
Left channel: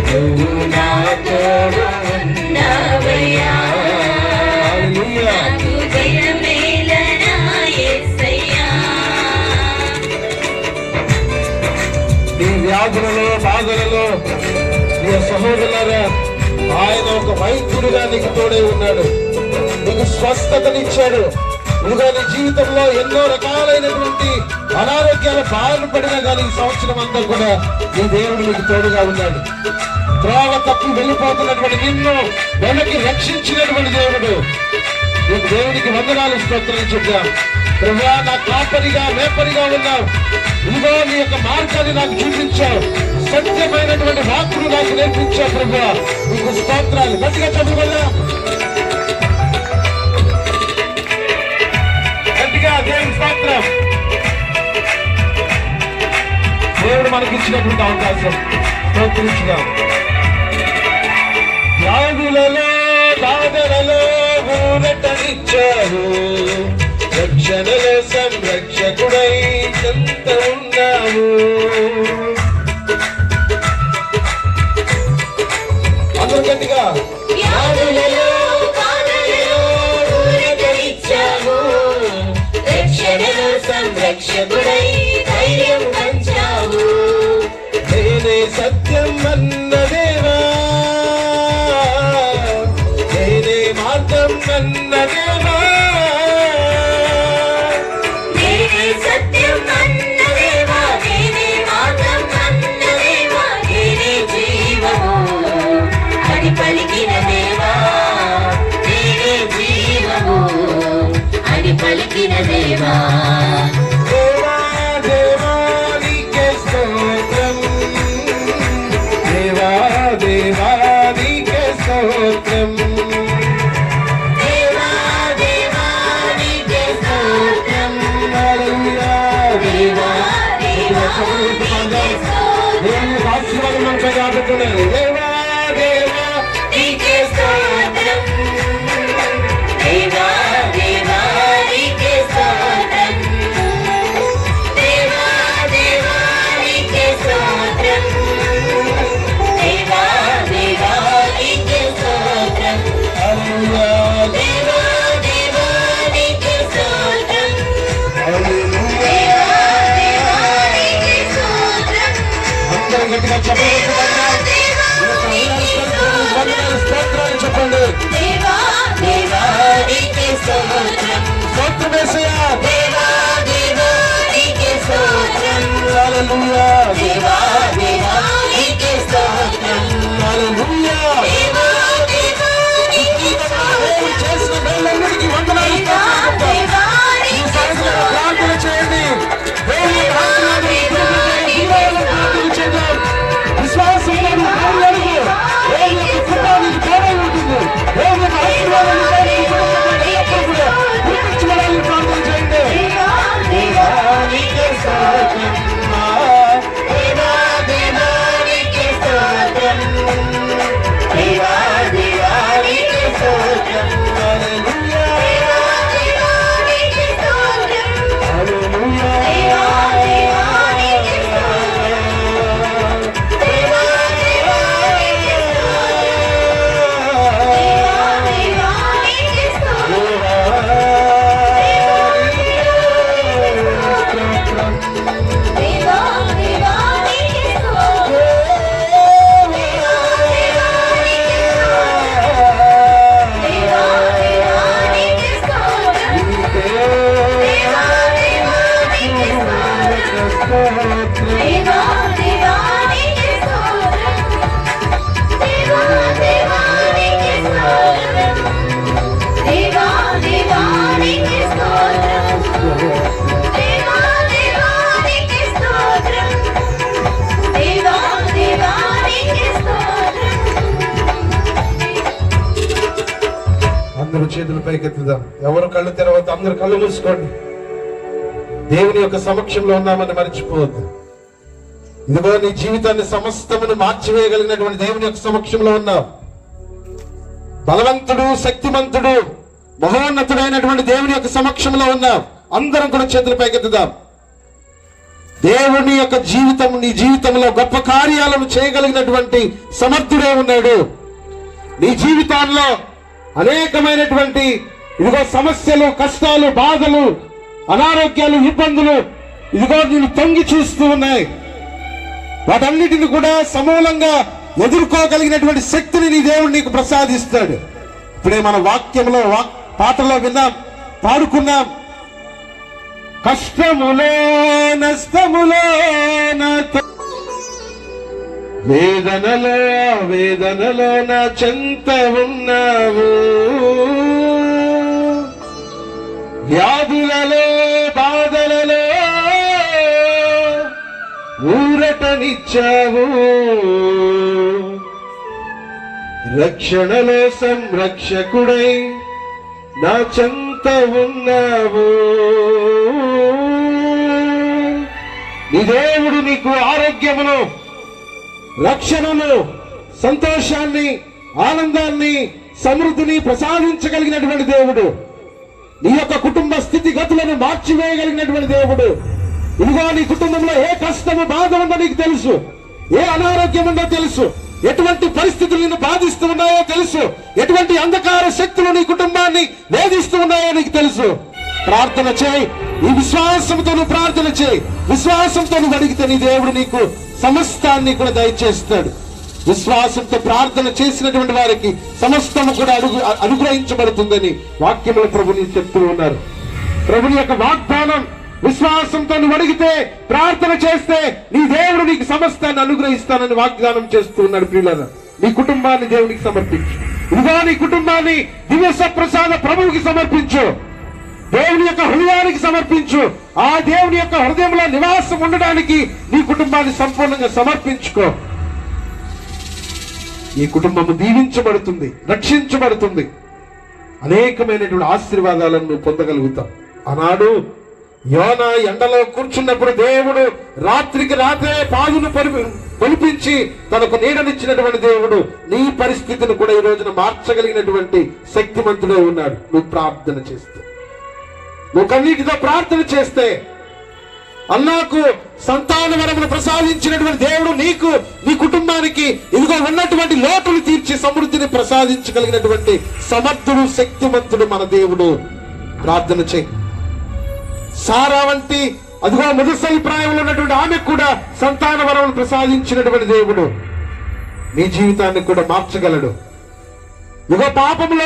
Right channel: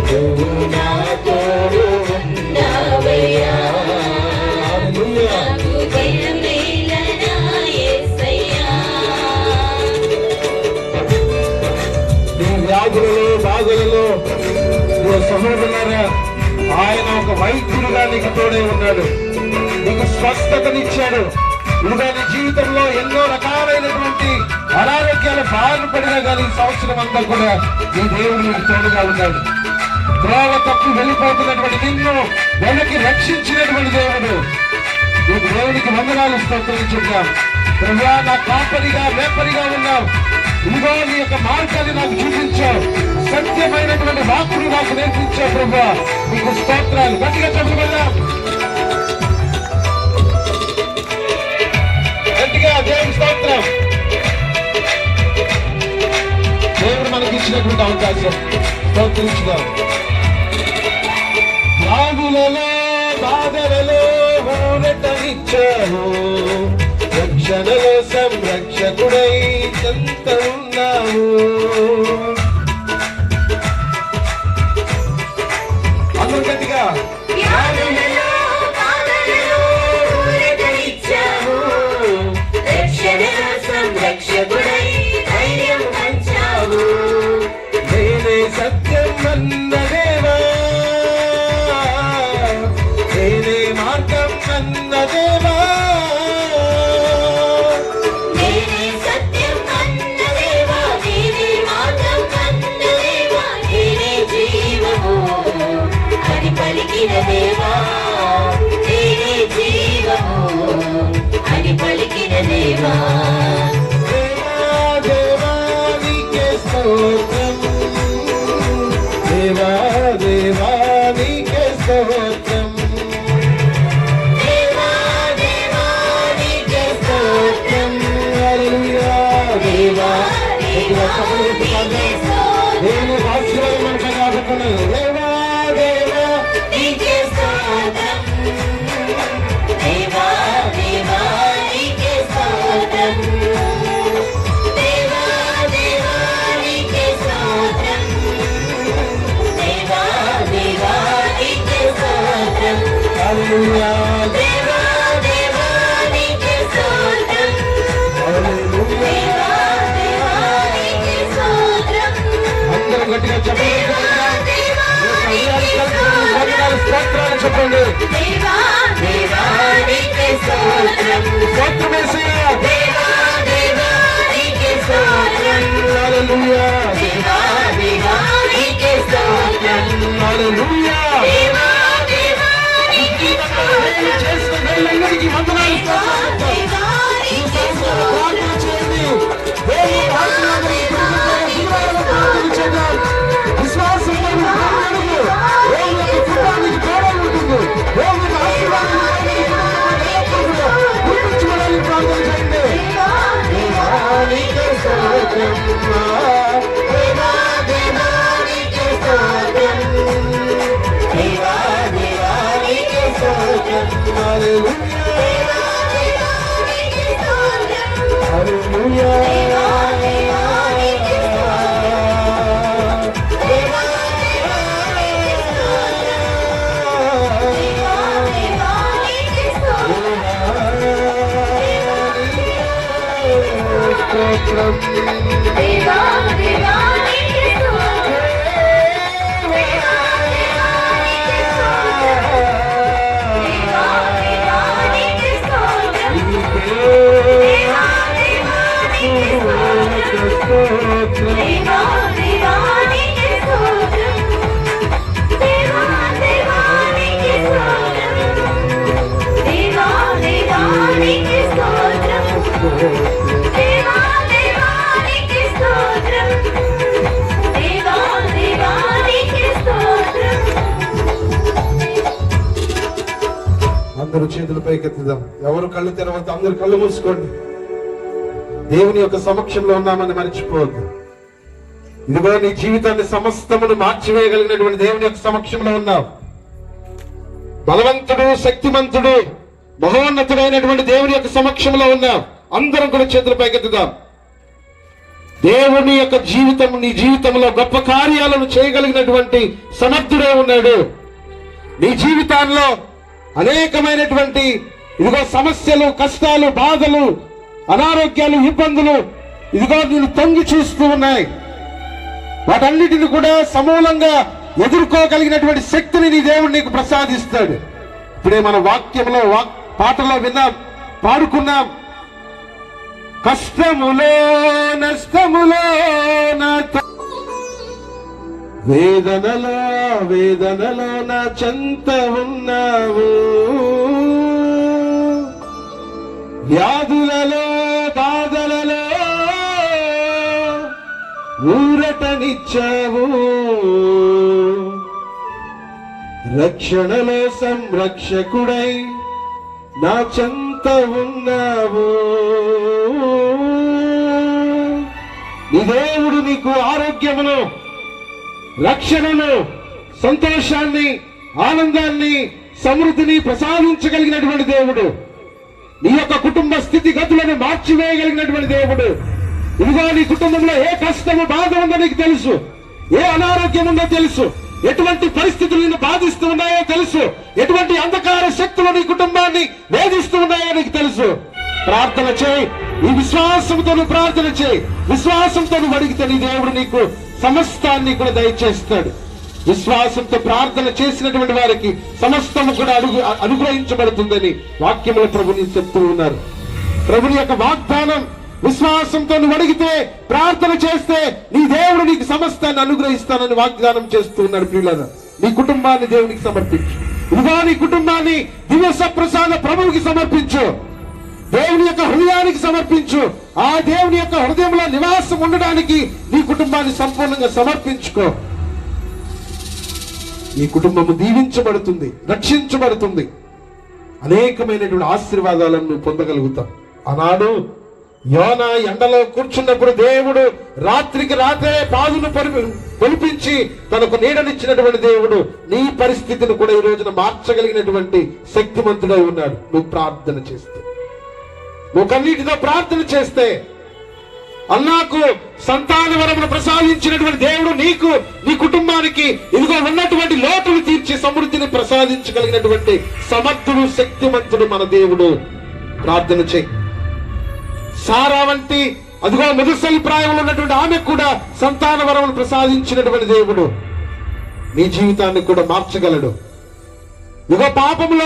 నువ్వు నా తోడు ఉన్నావయ్యా, హల్లెలూయా. నాకు భయమేల నా యేసయ్యా. నీ వ్యాధులలో, బాధలలో నీ సహోదరులారా, ఆయన ఒక వైద్యుడుగా నీకు తోడే ఉన్నాడు, నీకు స్వస్థతనిచ్చాడు. ఇదిగో నీ జీవితంలో ఎన్నో రకాలైనటువంటి అనారోగ్యాల బారిన పడినా కానీ ఈ సంవత్సరం అంతా కూడా నీ దేవుడు నీకు తోడుగా ఉన్నాడు. త్రోవ తప్పి వెళ్ళిపోతున్నటువంటి నిన్ను వెనక్కి రక్షించినటువంటి దేవుడు. నీకు దేవునికి వందనాలు స్తోత్రించుగా. ప్రభా, నా కాపరిగా మేపరిగా ఉన్నావు. ఇదిగో నీ యొక్క మార్గాన్ని నాకు చూపించావు. సత్యమైనటువంటి వాక్కును నాకు నేర్పించావు. ప్రభా, నీకు స్తోత్రాలు. గట్టిగా చదువుకుందా, గట్టిగా దేవుని స్తోత్రం. దేవుడు మనకి ఇచ్చినటువంటి అవకాశం స్తోత్రించుగా. వ్యాధులలో బాధలలో ఊరటనిచ్చావు. రక్షణలో సంరక్షకుడై చెంత ఉన్నావు. అందరూ గట్టిగా. వ్యాధులలో బాధలలో ఊరటనిచ్చావు. రక్షణలో సంరక్షకుడై ధైర్యం పంచావు. నేనే సత్యం అన్న దేవా, నేనే మార్గం అన్న దేవా, నేనే సత్యం అన్న దేవా, నేనే మార్గం అన్న దేవా, నేనే జీవము అని పలికిన దేవా, నేనే జీవము అని పలికిన దేవా. దేవా దేవా నీకే స్తోత్రం. దేవా దేవా నీకే స్తోత్రం. దేవా దేవా నీకే స్తోత్రం. హల్లెలూయా. దేవా దేవా నీకే స్తోత్రం. దేవుని వాక్యం మనపై రాబట్టున్నది. దేవా దేవా నీకే స్తోత్రం. దేవా దేవా నీకే స్తోత్రం. దేవా దేవా నీకే స్తోత్రం. దేవా దేవా నీకే స్తోత్రం. హల్లెలూయా. దేవా దేవా నీకే స్తోత్రం. హల్లెలూయా. దేవా దేవా నీకే స్తోత్రం. అందరూ గట్టిగా చెప్పండి. దేవా దేవా నీకే స్తోత్రం. స్తోత్రమేసయ్యా. దేవా దేవా నీకే స్తోత్రం. హల్లెలూయా. దేవా దేవా నీకే స్తోత్రం. హల్లెలూయా. దేవా దేవా నీకే స్తోత్రం. దేవుడు చేసిన మేలందరికీ వందనాలు. దేవా దేవా ఈ నీకే సాయంత్రం స్తోత్రం. ప్రార్థన చేయండి. దేవుని ఆశీర్వాదాలు ప్రార్థన చేద్దాం. విశ్వాసంలో మీ దేవులకు దేవుని యొక్క కృప మీకు తోడై ఉంటుంది. దేవుని యొక్క ఆశీర్వాదాలు ఎల్లప్పుడూ కూడా గుర్తించుకోవడానికి ప్రార్థన చేయండి. దేవా నీకే స్తోత్రం. దేవా దేవా నీకే స్తోత్రం. దేవా దేవా నీకే స్తోత్రం. హల్లెలూయా. దేవా నీకే స్తోత్రం. హల్లెలూయా. దేవా దేవా నీకే స్తోత్రం. దేవా దేవా నీకే స్తోత్రం. దేవా దేవా నీకే స్తోత్రం. దేవా దేవా నీకే స్తోత్రం. దేవా దేవా నీకే స్తోత్రం. దేవా దేవా నీకే స్తోత్రం. దేవా దేవా నీకే స్తోత్రం. దేవా దేవా నీకే స్తోత్రం. దేవా దేవా నీకే స్తోత్రం. దేవా దేవా నీకే స్తోత్రం. అందరూ చేతులు పైకెత్తుదాం. ఎవరు కళ్ళు తెరవద్దు. అందరూ కళ్ళు మూసుకోండి. దేవుని యొక్క సమక్షంలో ఉన్నామని మర్చిపోవద్దు. ఇదిగో నీ జీవితాన్ని సమస్తమును మార్చివేయగలిగినటువంటి దేవుని యొక్క సమక్షంలో ఉన్నావు. బలవంతుడు, శక్తిమంతుడు, మహోన్నతుడైనటువంటి దేవుని యొక్క సమక్షంలో ఉన్నావు. అందరం కూడా చేతులు పైకెత్తుదాం. దేవుని యొక్క జీవితం, నీ జీవితంలో గొప్ప కార్యాలను చేయగలిగినటువంటి సమర్థుడే ఉన్నాడు. నీ జీవితంలో అనేకమైనటువంటి ఇదిగో సమస్యలు, కష్టాలు, బాధలు, అనారోగ్యాలు, ఇబ్బందులు ఇదిగో నేను తొంగి చూస్తూ ఉన్నాయి. వాటన్నిటిని కూడా సమూలంగా ఎదుర్కోగలిగినటువంటి శక్తిని నీ దేవుడు నీకు ప్రసాదిస్తాడు. ఇప్పుడే మన వాక్యంలో పాటలో విన్నాం, పాడుకున్నాం. కష్టములో నష్టములో వేదనలో వేదనలో నా చెంత ఉన్నావు, వ్యాధులలో బాధలలో ఊరటనిచ్చావు, రక్షణలో సంరక్షకుడై నా చెంత ఉన్నావు. నీ దేవుడు నీకు ఆరోగ్యమును, రక్షణను, సంతోషాన్ని, ఆనందాన్ని, సమృద్ధిని ప్రసాదించగలిగినటువంటి దేవుడు. నీ యొక్క కుటుంబ స్థితిగతులను మార్చివేయగలిగినటువంటి దేవుడు. ఇదిగో నీ కుటుంబంలో ఏ కష్టము బాధ ఉందో నీకు తెలుసు, ఏ అనారోగ్యం ఉందో తెలుసు, ఎటువంటి పరిస్థితులు నిన్ను బాధిస్తూ ఉన్నాయో తెలుసు, ఎటువంటి అంధకార శక్తులు నీ కుటుంబాన్ని వేధిస్తూ ఉన్నాయో నీకు తెలుసు. ప్రార్థన చేయి, ఈ విశ్వాసంతో నువ్వు ప్రార్థన చేయి. విశ్వాసంతో నువ్వు అడిగితే నీ దేవుడు నీకు సమస్తాన్ని కూడా దయచేస్తాడు. విశ్వాసంతో ప్రార్థన చేసినటువంటి వారికి సమస్తము కూడా అనుగ్రహించబడుతుందని వాక్యంలో ప్రభుని చెప్తూ ఉన్నారు. ప్రభుని యొక్క వాగ్దానం, విశ్వాసంతో నువ్వు అడిగితే, ప్రార్థన చేస్తే నీ దేవుడు నీకు సమస్తాన్ని అనుగ్రహిస్తానని వాగ్దానం చేస్తూ ఉన్నాడు. ప్రియులారా, నీ కుటుంబాన్ని దేవునికి సమర్పించు. ఇదిగో నీ కుటుంబాన్ని దివ్య సప్రసాద ప్రభువుకి సమర్పించు. దేవుని యొక్క హృదయానికి సమర్పించు. ఆ దేవుని యొక్క హృదయంలో నివాసం ఉండడానికి నీ కుటుంబాన్ని సంపూర్ణంగా సమర్పించుకో. ఈ కుటుంబము దీవించబడుతుంది, రక్షించబడుతుంది. అనేకమైనటువంటి ఆశీర్వాదాలను నువ్వు పొందగలుగుతావు. ఆనాడు యోనా ఎండలో కూర్చున్నప్పుడు దేవుడు రాత్రికి రాత్రే పాదును పొలిపించి తనకు నీడనిచ్చినటువంటి దేవుడు నీ పరిస్థితిని కూడా ఈ రోజున మార్చగలిగినటువంటి శక్తిమంతుడై ఉన్నాడు. నువ్వు ప్రార్థన చేస్తే, నువ్వు కన్నీటితో ప్రార్థన చేస్తే, అన్నాకు సంతాన వరమును ప్రసాదించినటువంటి దేవుడు నీకు, నీ కుటుంబానికి ఇదిగో ఉన్నటువంటి లోటులు తీర్చి సమృద్ధిని ప్రసాదించగలిగినటువంటి సమర్థుడు, శక్తిమంతుడు మన దేవుడు. ప్రార్థన చేయి. సారా వంటి అదిగో ముదుసలి ప్రాయంలో ఉన్నటువంటి ఆమెకు కూడా సంతాన వరమును ప్రసాదించినటువంటి దేవుడు నీ జీవితాన్ని కూడా మార్చగలడు. ఇదిగో పాపంలో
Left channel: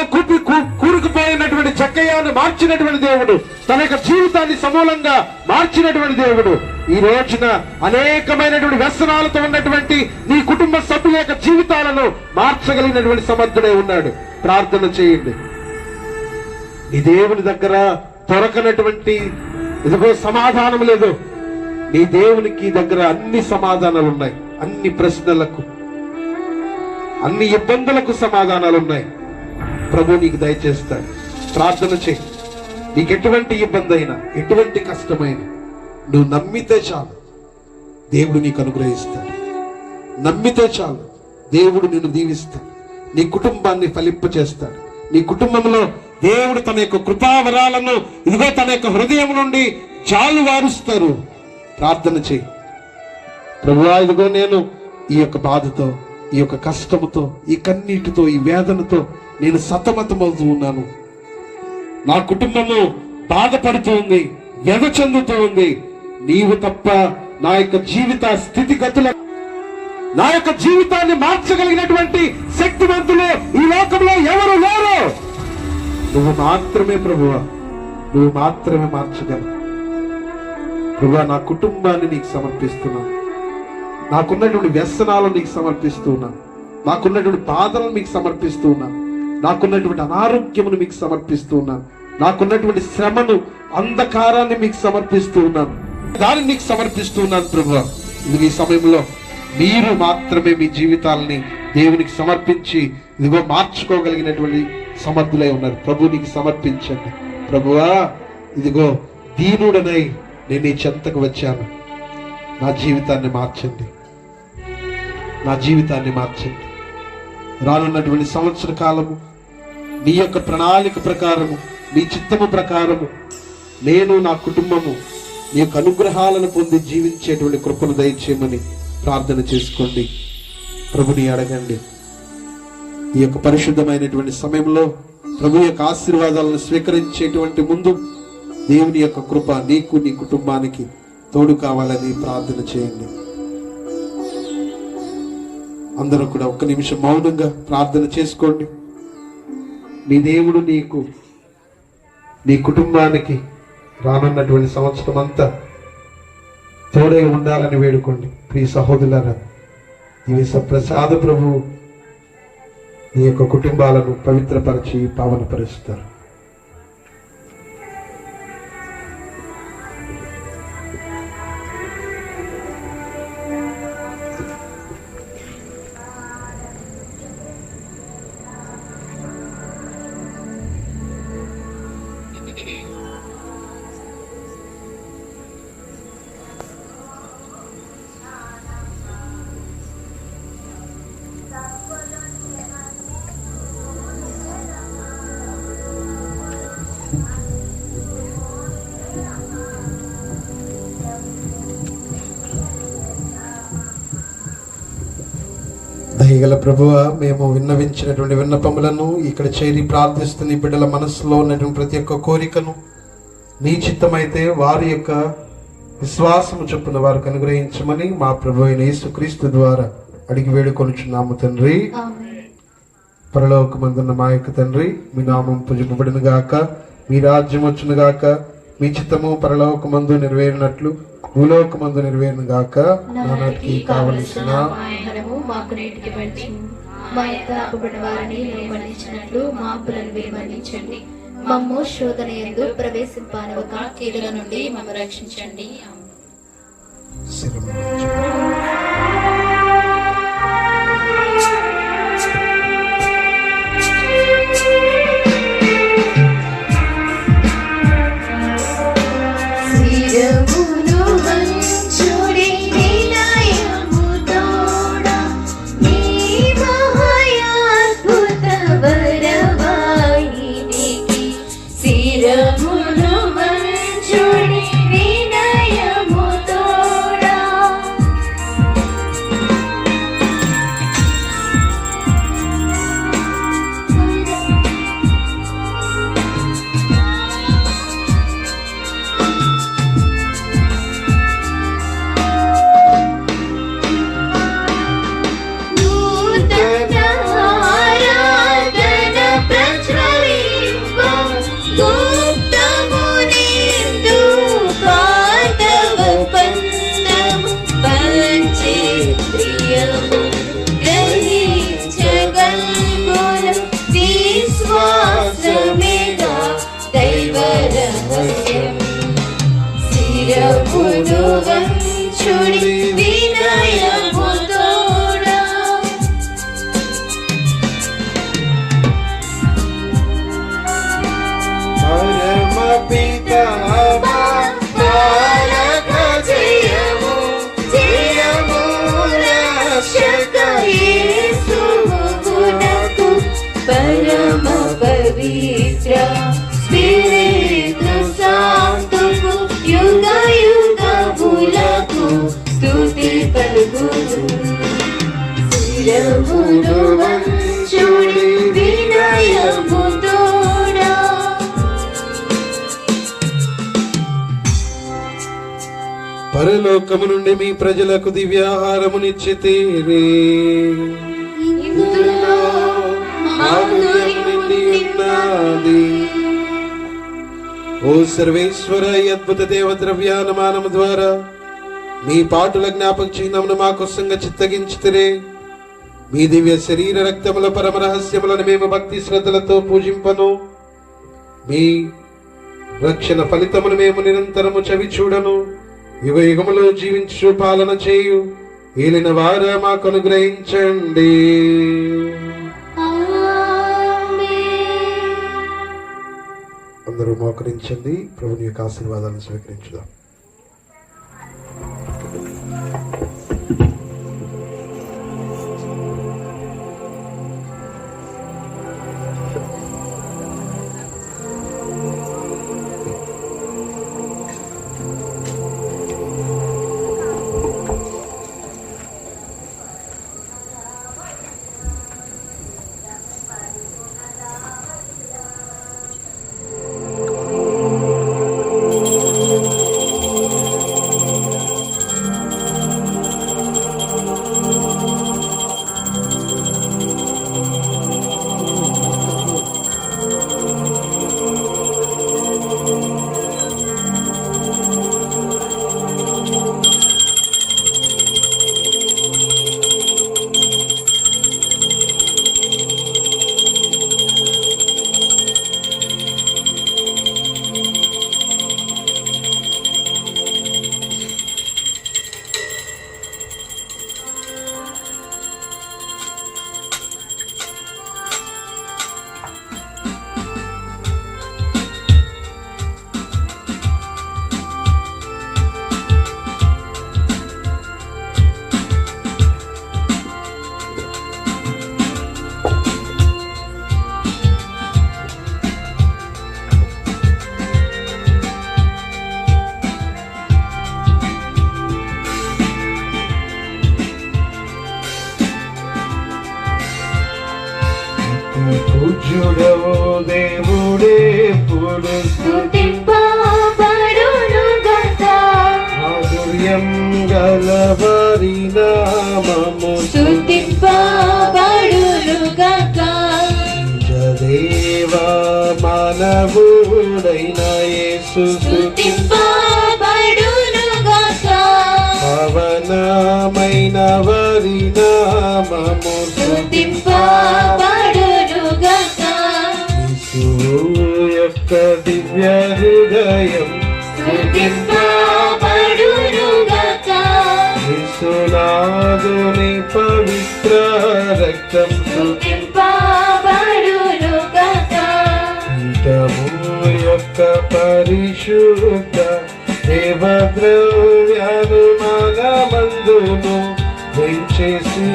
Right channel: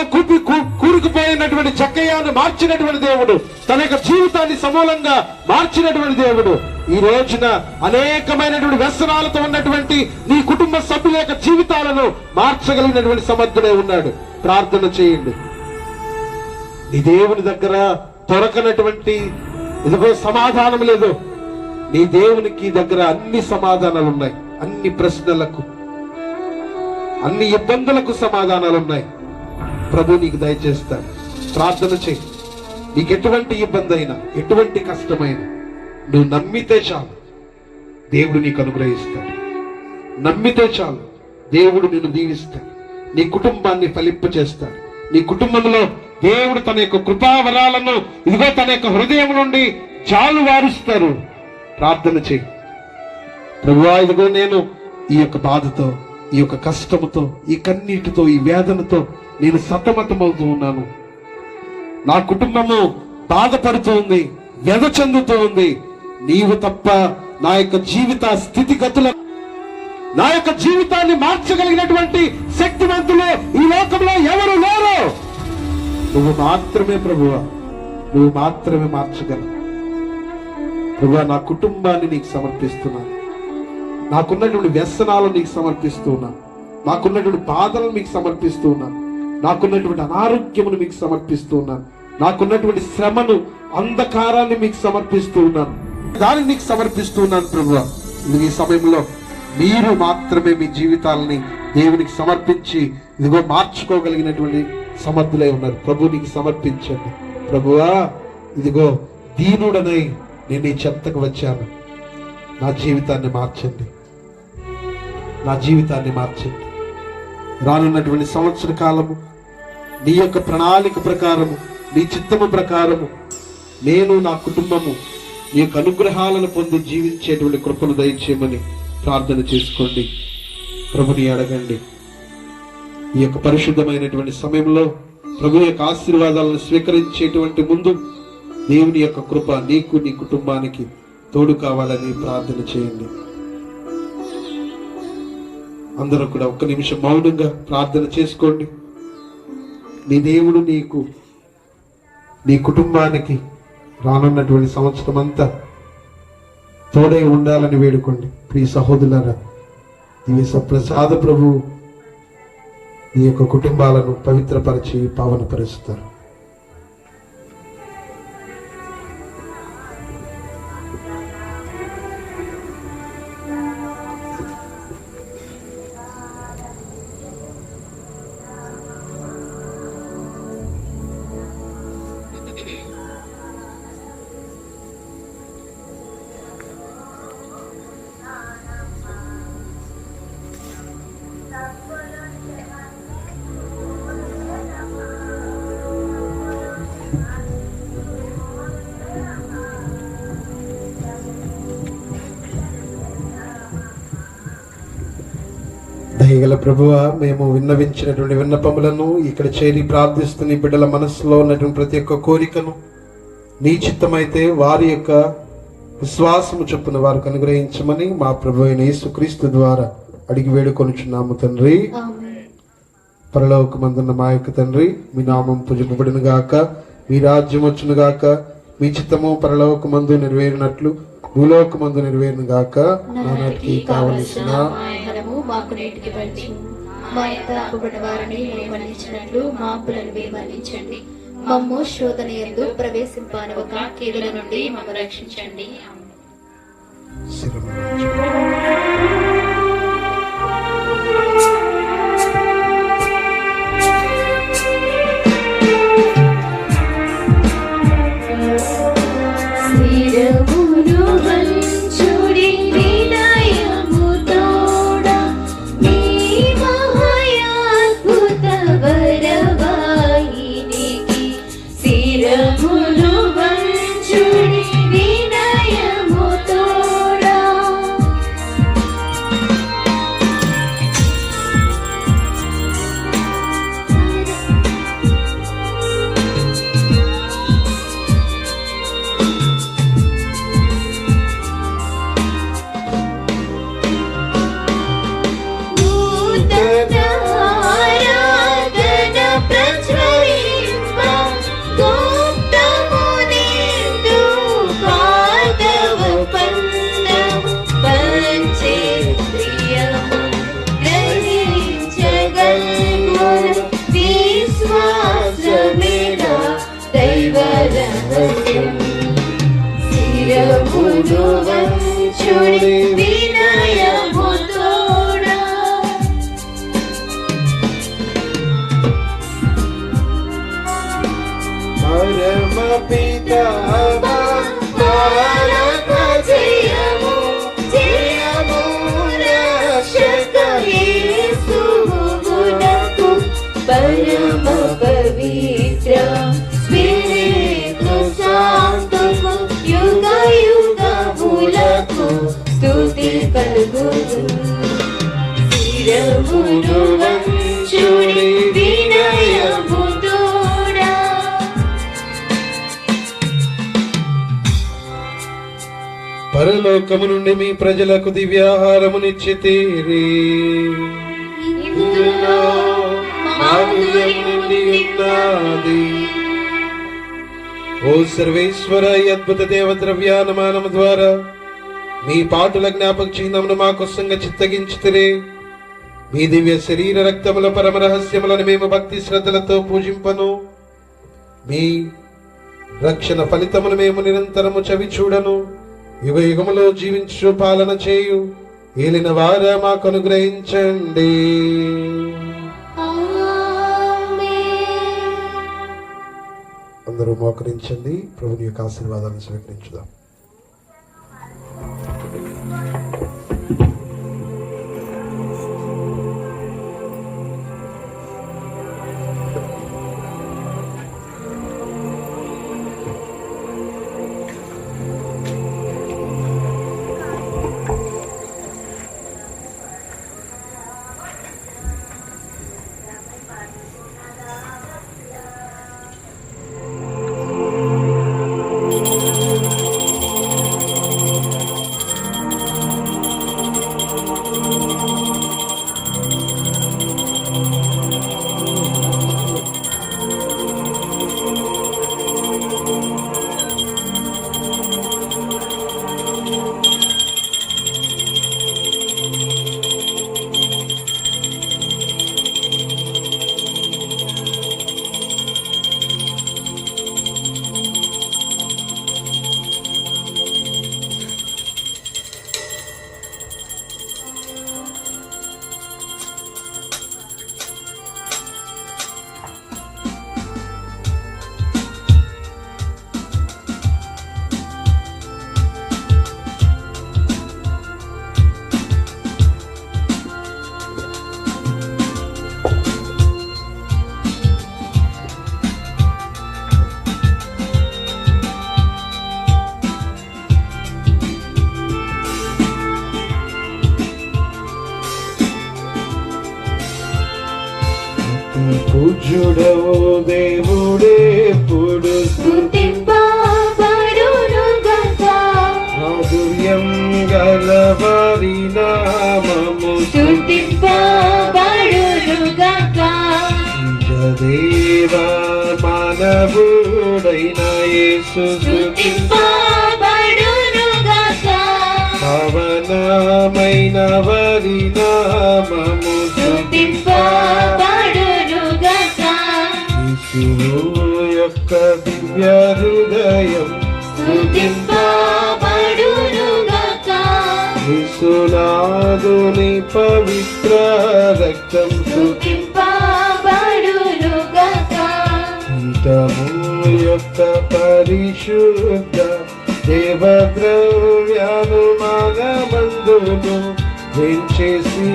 కూరుకుపోయినటువంటి జక్కయ్యను మార్చినటువంటి దేవుడు, తన యొక్క జీవితాన్ని సమూలంగా మార్చినటువంటి దేవుడు ఈ రోజున అనేకమైనటువంటి వ్యసనాలతో ఉన్నటువంటి నీ కుటుంబ సభ్యుల యొక్క జీవితాలను మార్చగలిగినటువంటి సమర్థుడే ఉన్నాడు. ప్రార్థన చేయండి. నీ దేవుని దగ్గర దొరకనటువంటి ఇదిగో సమాధానం లేదు. నీ దేవునికి దగ్గర అన్ని సమాధానాలు ఉన్నాయి. అన్ని ప్రశ్నలకు, అన్ని ఇబ్బందులకు సమాధానాలు ఉన్నాయి. ప్రభు నీకు దయచేస్తాడు. ప్రార్థన చేయి. నీకు ఎటువంటి ఇబ్బంది అయినా, ఎటువంటి కష్టమైనా నువ్వు నమ్మితే చాలు, దేవుడు నీకు అనుగ్రహిస్తాడు. నమ్మితే చాలు, దేవుడు నిన్ను దీవిస్తాడు. నీ కుటుంబాన్ని ఫలింప చేస్తాడు. నీ కుటుంబంలో దేవుడు తన యొక్క కృపావరాలను ఇదిగో తన యొక్క హృదయం నుండి చాలు వారుస్తారు. ప్రార్థన చేయి. ప్రభువా, ఇదిగో నేను ఈ యొక్క బాధతో, ఈ యొక్క కష్టముతో, ఈ కన్నీటితో, ఈ వేదనతో నేను సతమతమవుతూ ఉన్నాను. నా కుటుంబము బాధపడుతూ ఉంది, వ్యధ చెందుతూ ఉంది. నీవు తప్ప నా యొక్క జీవిత స్థితిగతుల, నా యొక్క జీవితాన్ని మార్చగలిగినటువంటి శక్తివంతులు ఈ లోకంలో ఎవరు లేరు. నువ్వు మాత్రమే ప్రభువా, నువ్వు మాత్రమే మార్చగలవు. ప్రభువా, నా కుటుంబాన్ని నీకు సమర్పిస్తున్నాను. నాకున్నటువంటి వ్యసనాలను నీకు సమర్పిస్తున్నాను. నాకున్నటువంటి బాధలను మీకు సమర్పిస్తున్నాను. నాకున్నటువంటి అనారోగ్యమును మీకు సమర్పిస్తున్నాను. నాకున్నటువంటి శ్రమను, అంధకారాన్ని మీకు సమర్పిస్తున్నాను. దాన్ని నీకు సమర్పిస్తున్నాను ప్రభువా. ఈ సమయంలో మీరు మాత్రమే మీ జీవితాలని దేవునికి సమర్పించి ఇదిగో మార్చుకోగలిగినటువంటి సమర్థులై ఉన్నారు. ప్రభు నీకు సమర్పించండి. ప్రభువా, ఇదిగో దీనుడనై నేను ఈ చెంతకు వచ్చాను. నా జీవితాన్ని మార్చండి, నా జీవితాన్ని మార్చండి. రానున్నటువంటి సంవత్సర కాలము నీ యొక్క ప్రణాళిక ప్రకారము, నీ చిత్తము ప్రకారము నేను, నా కుటుంబము నీ యొక్క అనుగ్రహాలను పొంది జీవించేటువంటి కృపను దయచేయమని ప్రార్థన చేసుకోండి. ప్రభుని అడగండి. ఈ యొక్క పరిశుద్ధమైనటువంటి సమయంలో ప్రభు యొక్క ఆశీర్వాదాలను స్వీకరించేటువంటి ముందు దేవుని యొక్క కృప నీకు, నీ కుటుంబానికి తోడు కావాలని ప్రార్థన చేయండి. అందరూ కూడా ఒక్క నిమిషం మౌనంగా ప్రార్థన చేసుకోండి. నీ దేవుడు నీకు, నీ కుటుంబానికి రానున్నటువంటి సంవత్సరం అంతా తోడే ఉండాలని వేడుకోండి. ప్రియ సహోదరులారా, దివ్య ప్రసాద ప్రభు నీ యొక్క కుటుంబాలను పవిత్రపరిచి పావనపరుస్తారు. దయగల ప్రభువా, మేము విన్నవించినటువంటి విన్నపములను ఇక్కడ చేరి ప్రార్థిస్తున్న ఈ బిడ్డల మనసులో ఉన్నటువంటి ప్రతి ఒక్క కోరికను నీ చిత్తమైతే వారి యొక్క విశ్వాసము చొప్పున వారికి అనుగ్రహించమని మా ప్రభు అయిన యేసుక్రీస్తు ద్వారా అడిగి వేడుకొనుచున్నాము తండ్రి. పరలోకమందున్న మా యొక్క తండ్రి, మీ నామం పూజింపబడిన గాక, మీ రాజ్యం వచ్చును గాక, మీ చిత్తము పరలోకమందు నెరవేరినట్లు భూలోకమందు నెరవేరును గాక. నానాటికి కావలసిన ఆహారము మాకు నేటికి ఇవ్వండి. మా యొక్క అప్పుబడిన వారిని మేము మన్నించినట్లు మా అప్పులను మీరు మన్నించండి. మమ్ము శోధన యందు ప్రవేశింపనివ్వక కీడుల నుండి మమ్ము రక్షించండి. శిరము పరలోకము నుండి మీ ప్రజలకు దివ్యాహారమునిచ్చితిరి. ఇందులో మాధుర్యం నిండి ఉన్నది. ఓ సర్వేశ్వర, ఈ అద్భుత దేవ ద్రవ్యానుమానము ద్వారా మీ పాటుల జ్ఞాపక చిహ్నమును మా కోసంగా చిత్తగించితిరే. మీ దివ్య శరీర రక్తముల పరమ రహస్యములను మేము భక్తి శ్రద్ధలతో పూజింపను. మీ రక్షణ ఫలితమును మేము నిరంతరము చవి చూడను. యుగ యుగములో జీవించు పాలన చేయు ఏలిన వారా మాకు అనుగ్రహించండి. అందరూ మోకరించండి. ప్రభుని యొక్క ఆశీర్వాదాలను స్వీకరించుదాం. పూజ్యుడవు దేవుడే పుడు స్తుతింపబడునుగాక మాధుర్యం గలవారి నామము స్తుతింపబడునుగాక దేవా మానవుడైన యేసు స్తుతింపబడునుగాక పవనమైన వారి నామము స్తుతింపబడునుగాక యేసు యొక్క దివ్య హృదయం స్తుతింపబడునుగాక యేసునాథుని పవిత్ర రక్తం స్తుతింపబడునుగాక పీఠము యొక్క పరిశుద్ధ దేవద్రవ్యాలు మనమందును వెంచేసి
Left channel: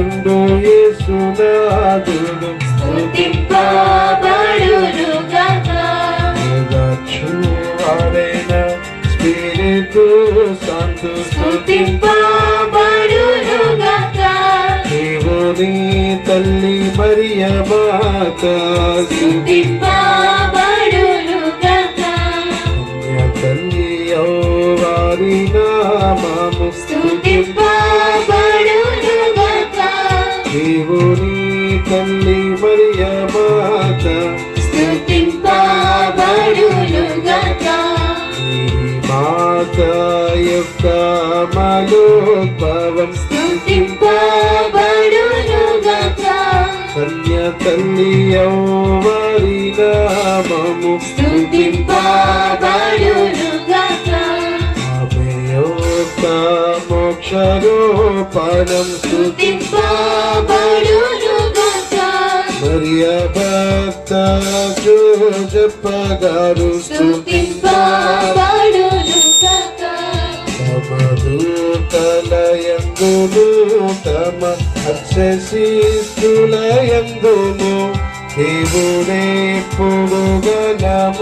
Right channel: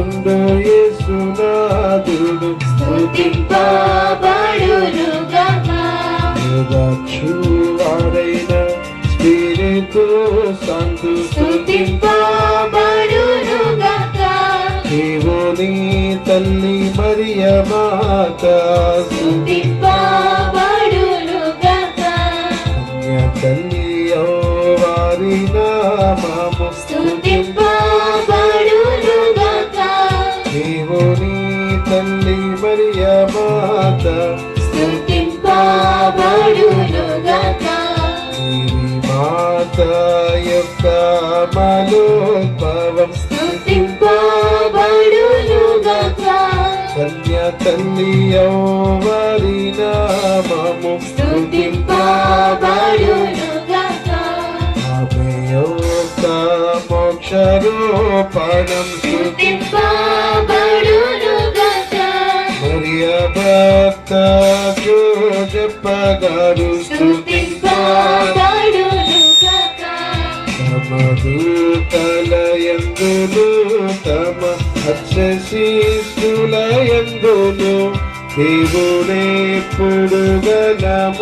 ఉండు యేసునాథుడు స్తుతింపబడునుగాక వాడైన స్పిరితు సంతు స్తుతింపబడునుగాక దేవుని తల్లి మరియ మాత స్తుతింపబడునుగాక తల్లి వారి నామము స్తుతింపబడునుగాక దేవుని తల్లి మరియ మాత స్తుతింపబడునుగాక ఈ మాత యొక్క మనోద్భవం స్తుతింపబడునుగాక కన్య తల్లి వారి నామము స్తుతింపబడునుగాక ఆమె యొక్క మోక్షరూపణం స్తుతింపబడునుగాక మరియ భక్త జోజప్పగారు స్తుతింపబడునుగాక సమదూతలయందును తమ అక్షశిస్తులయందును దేవుడే పొడుగనముగా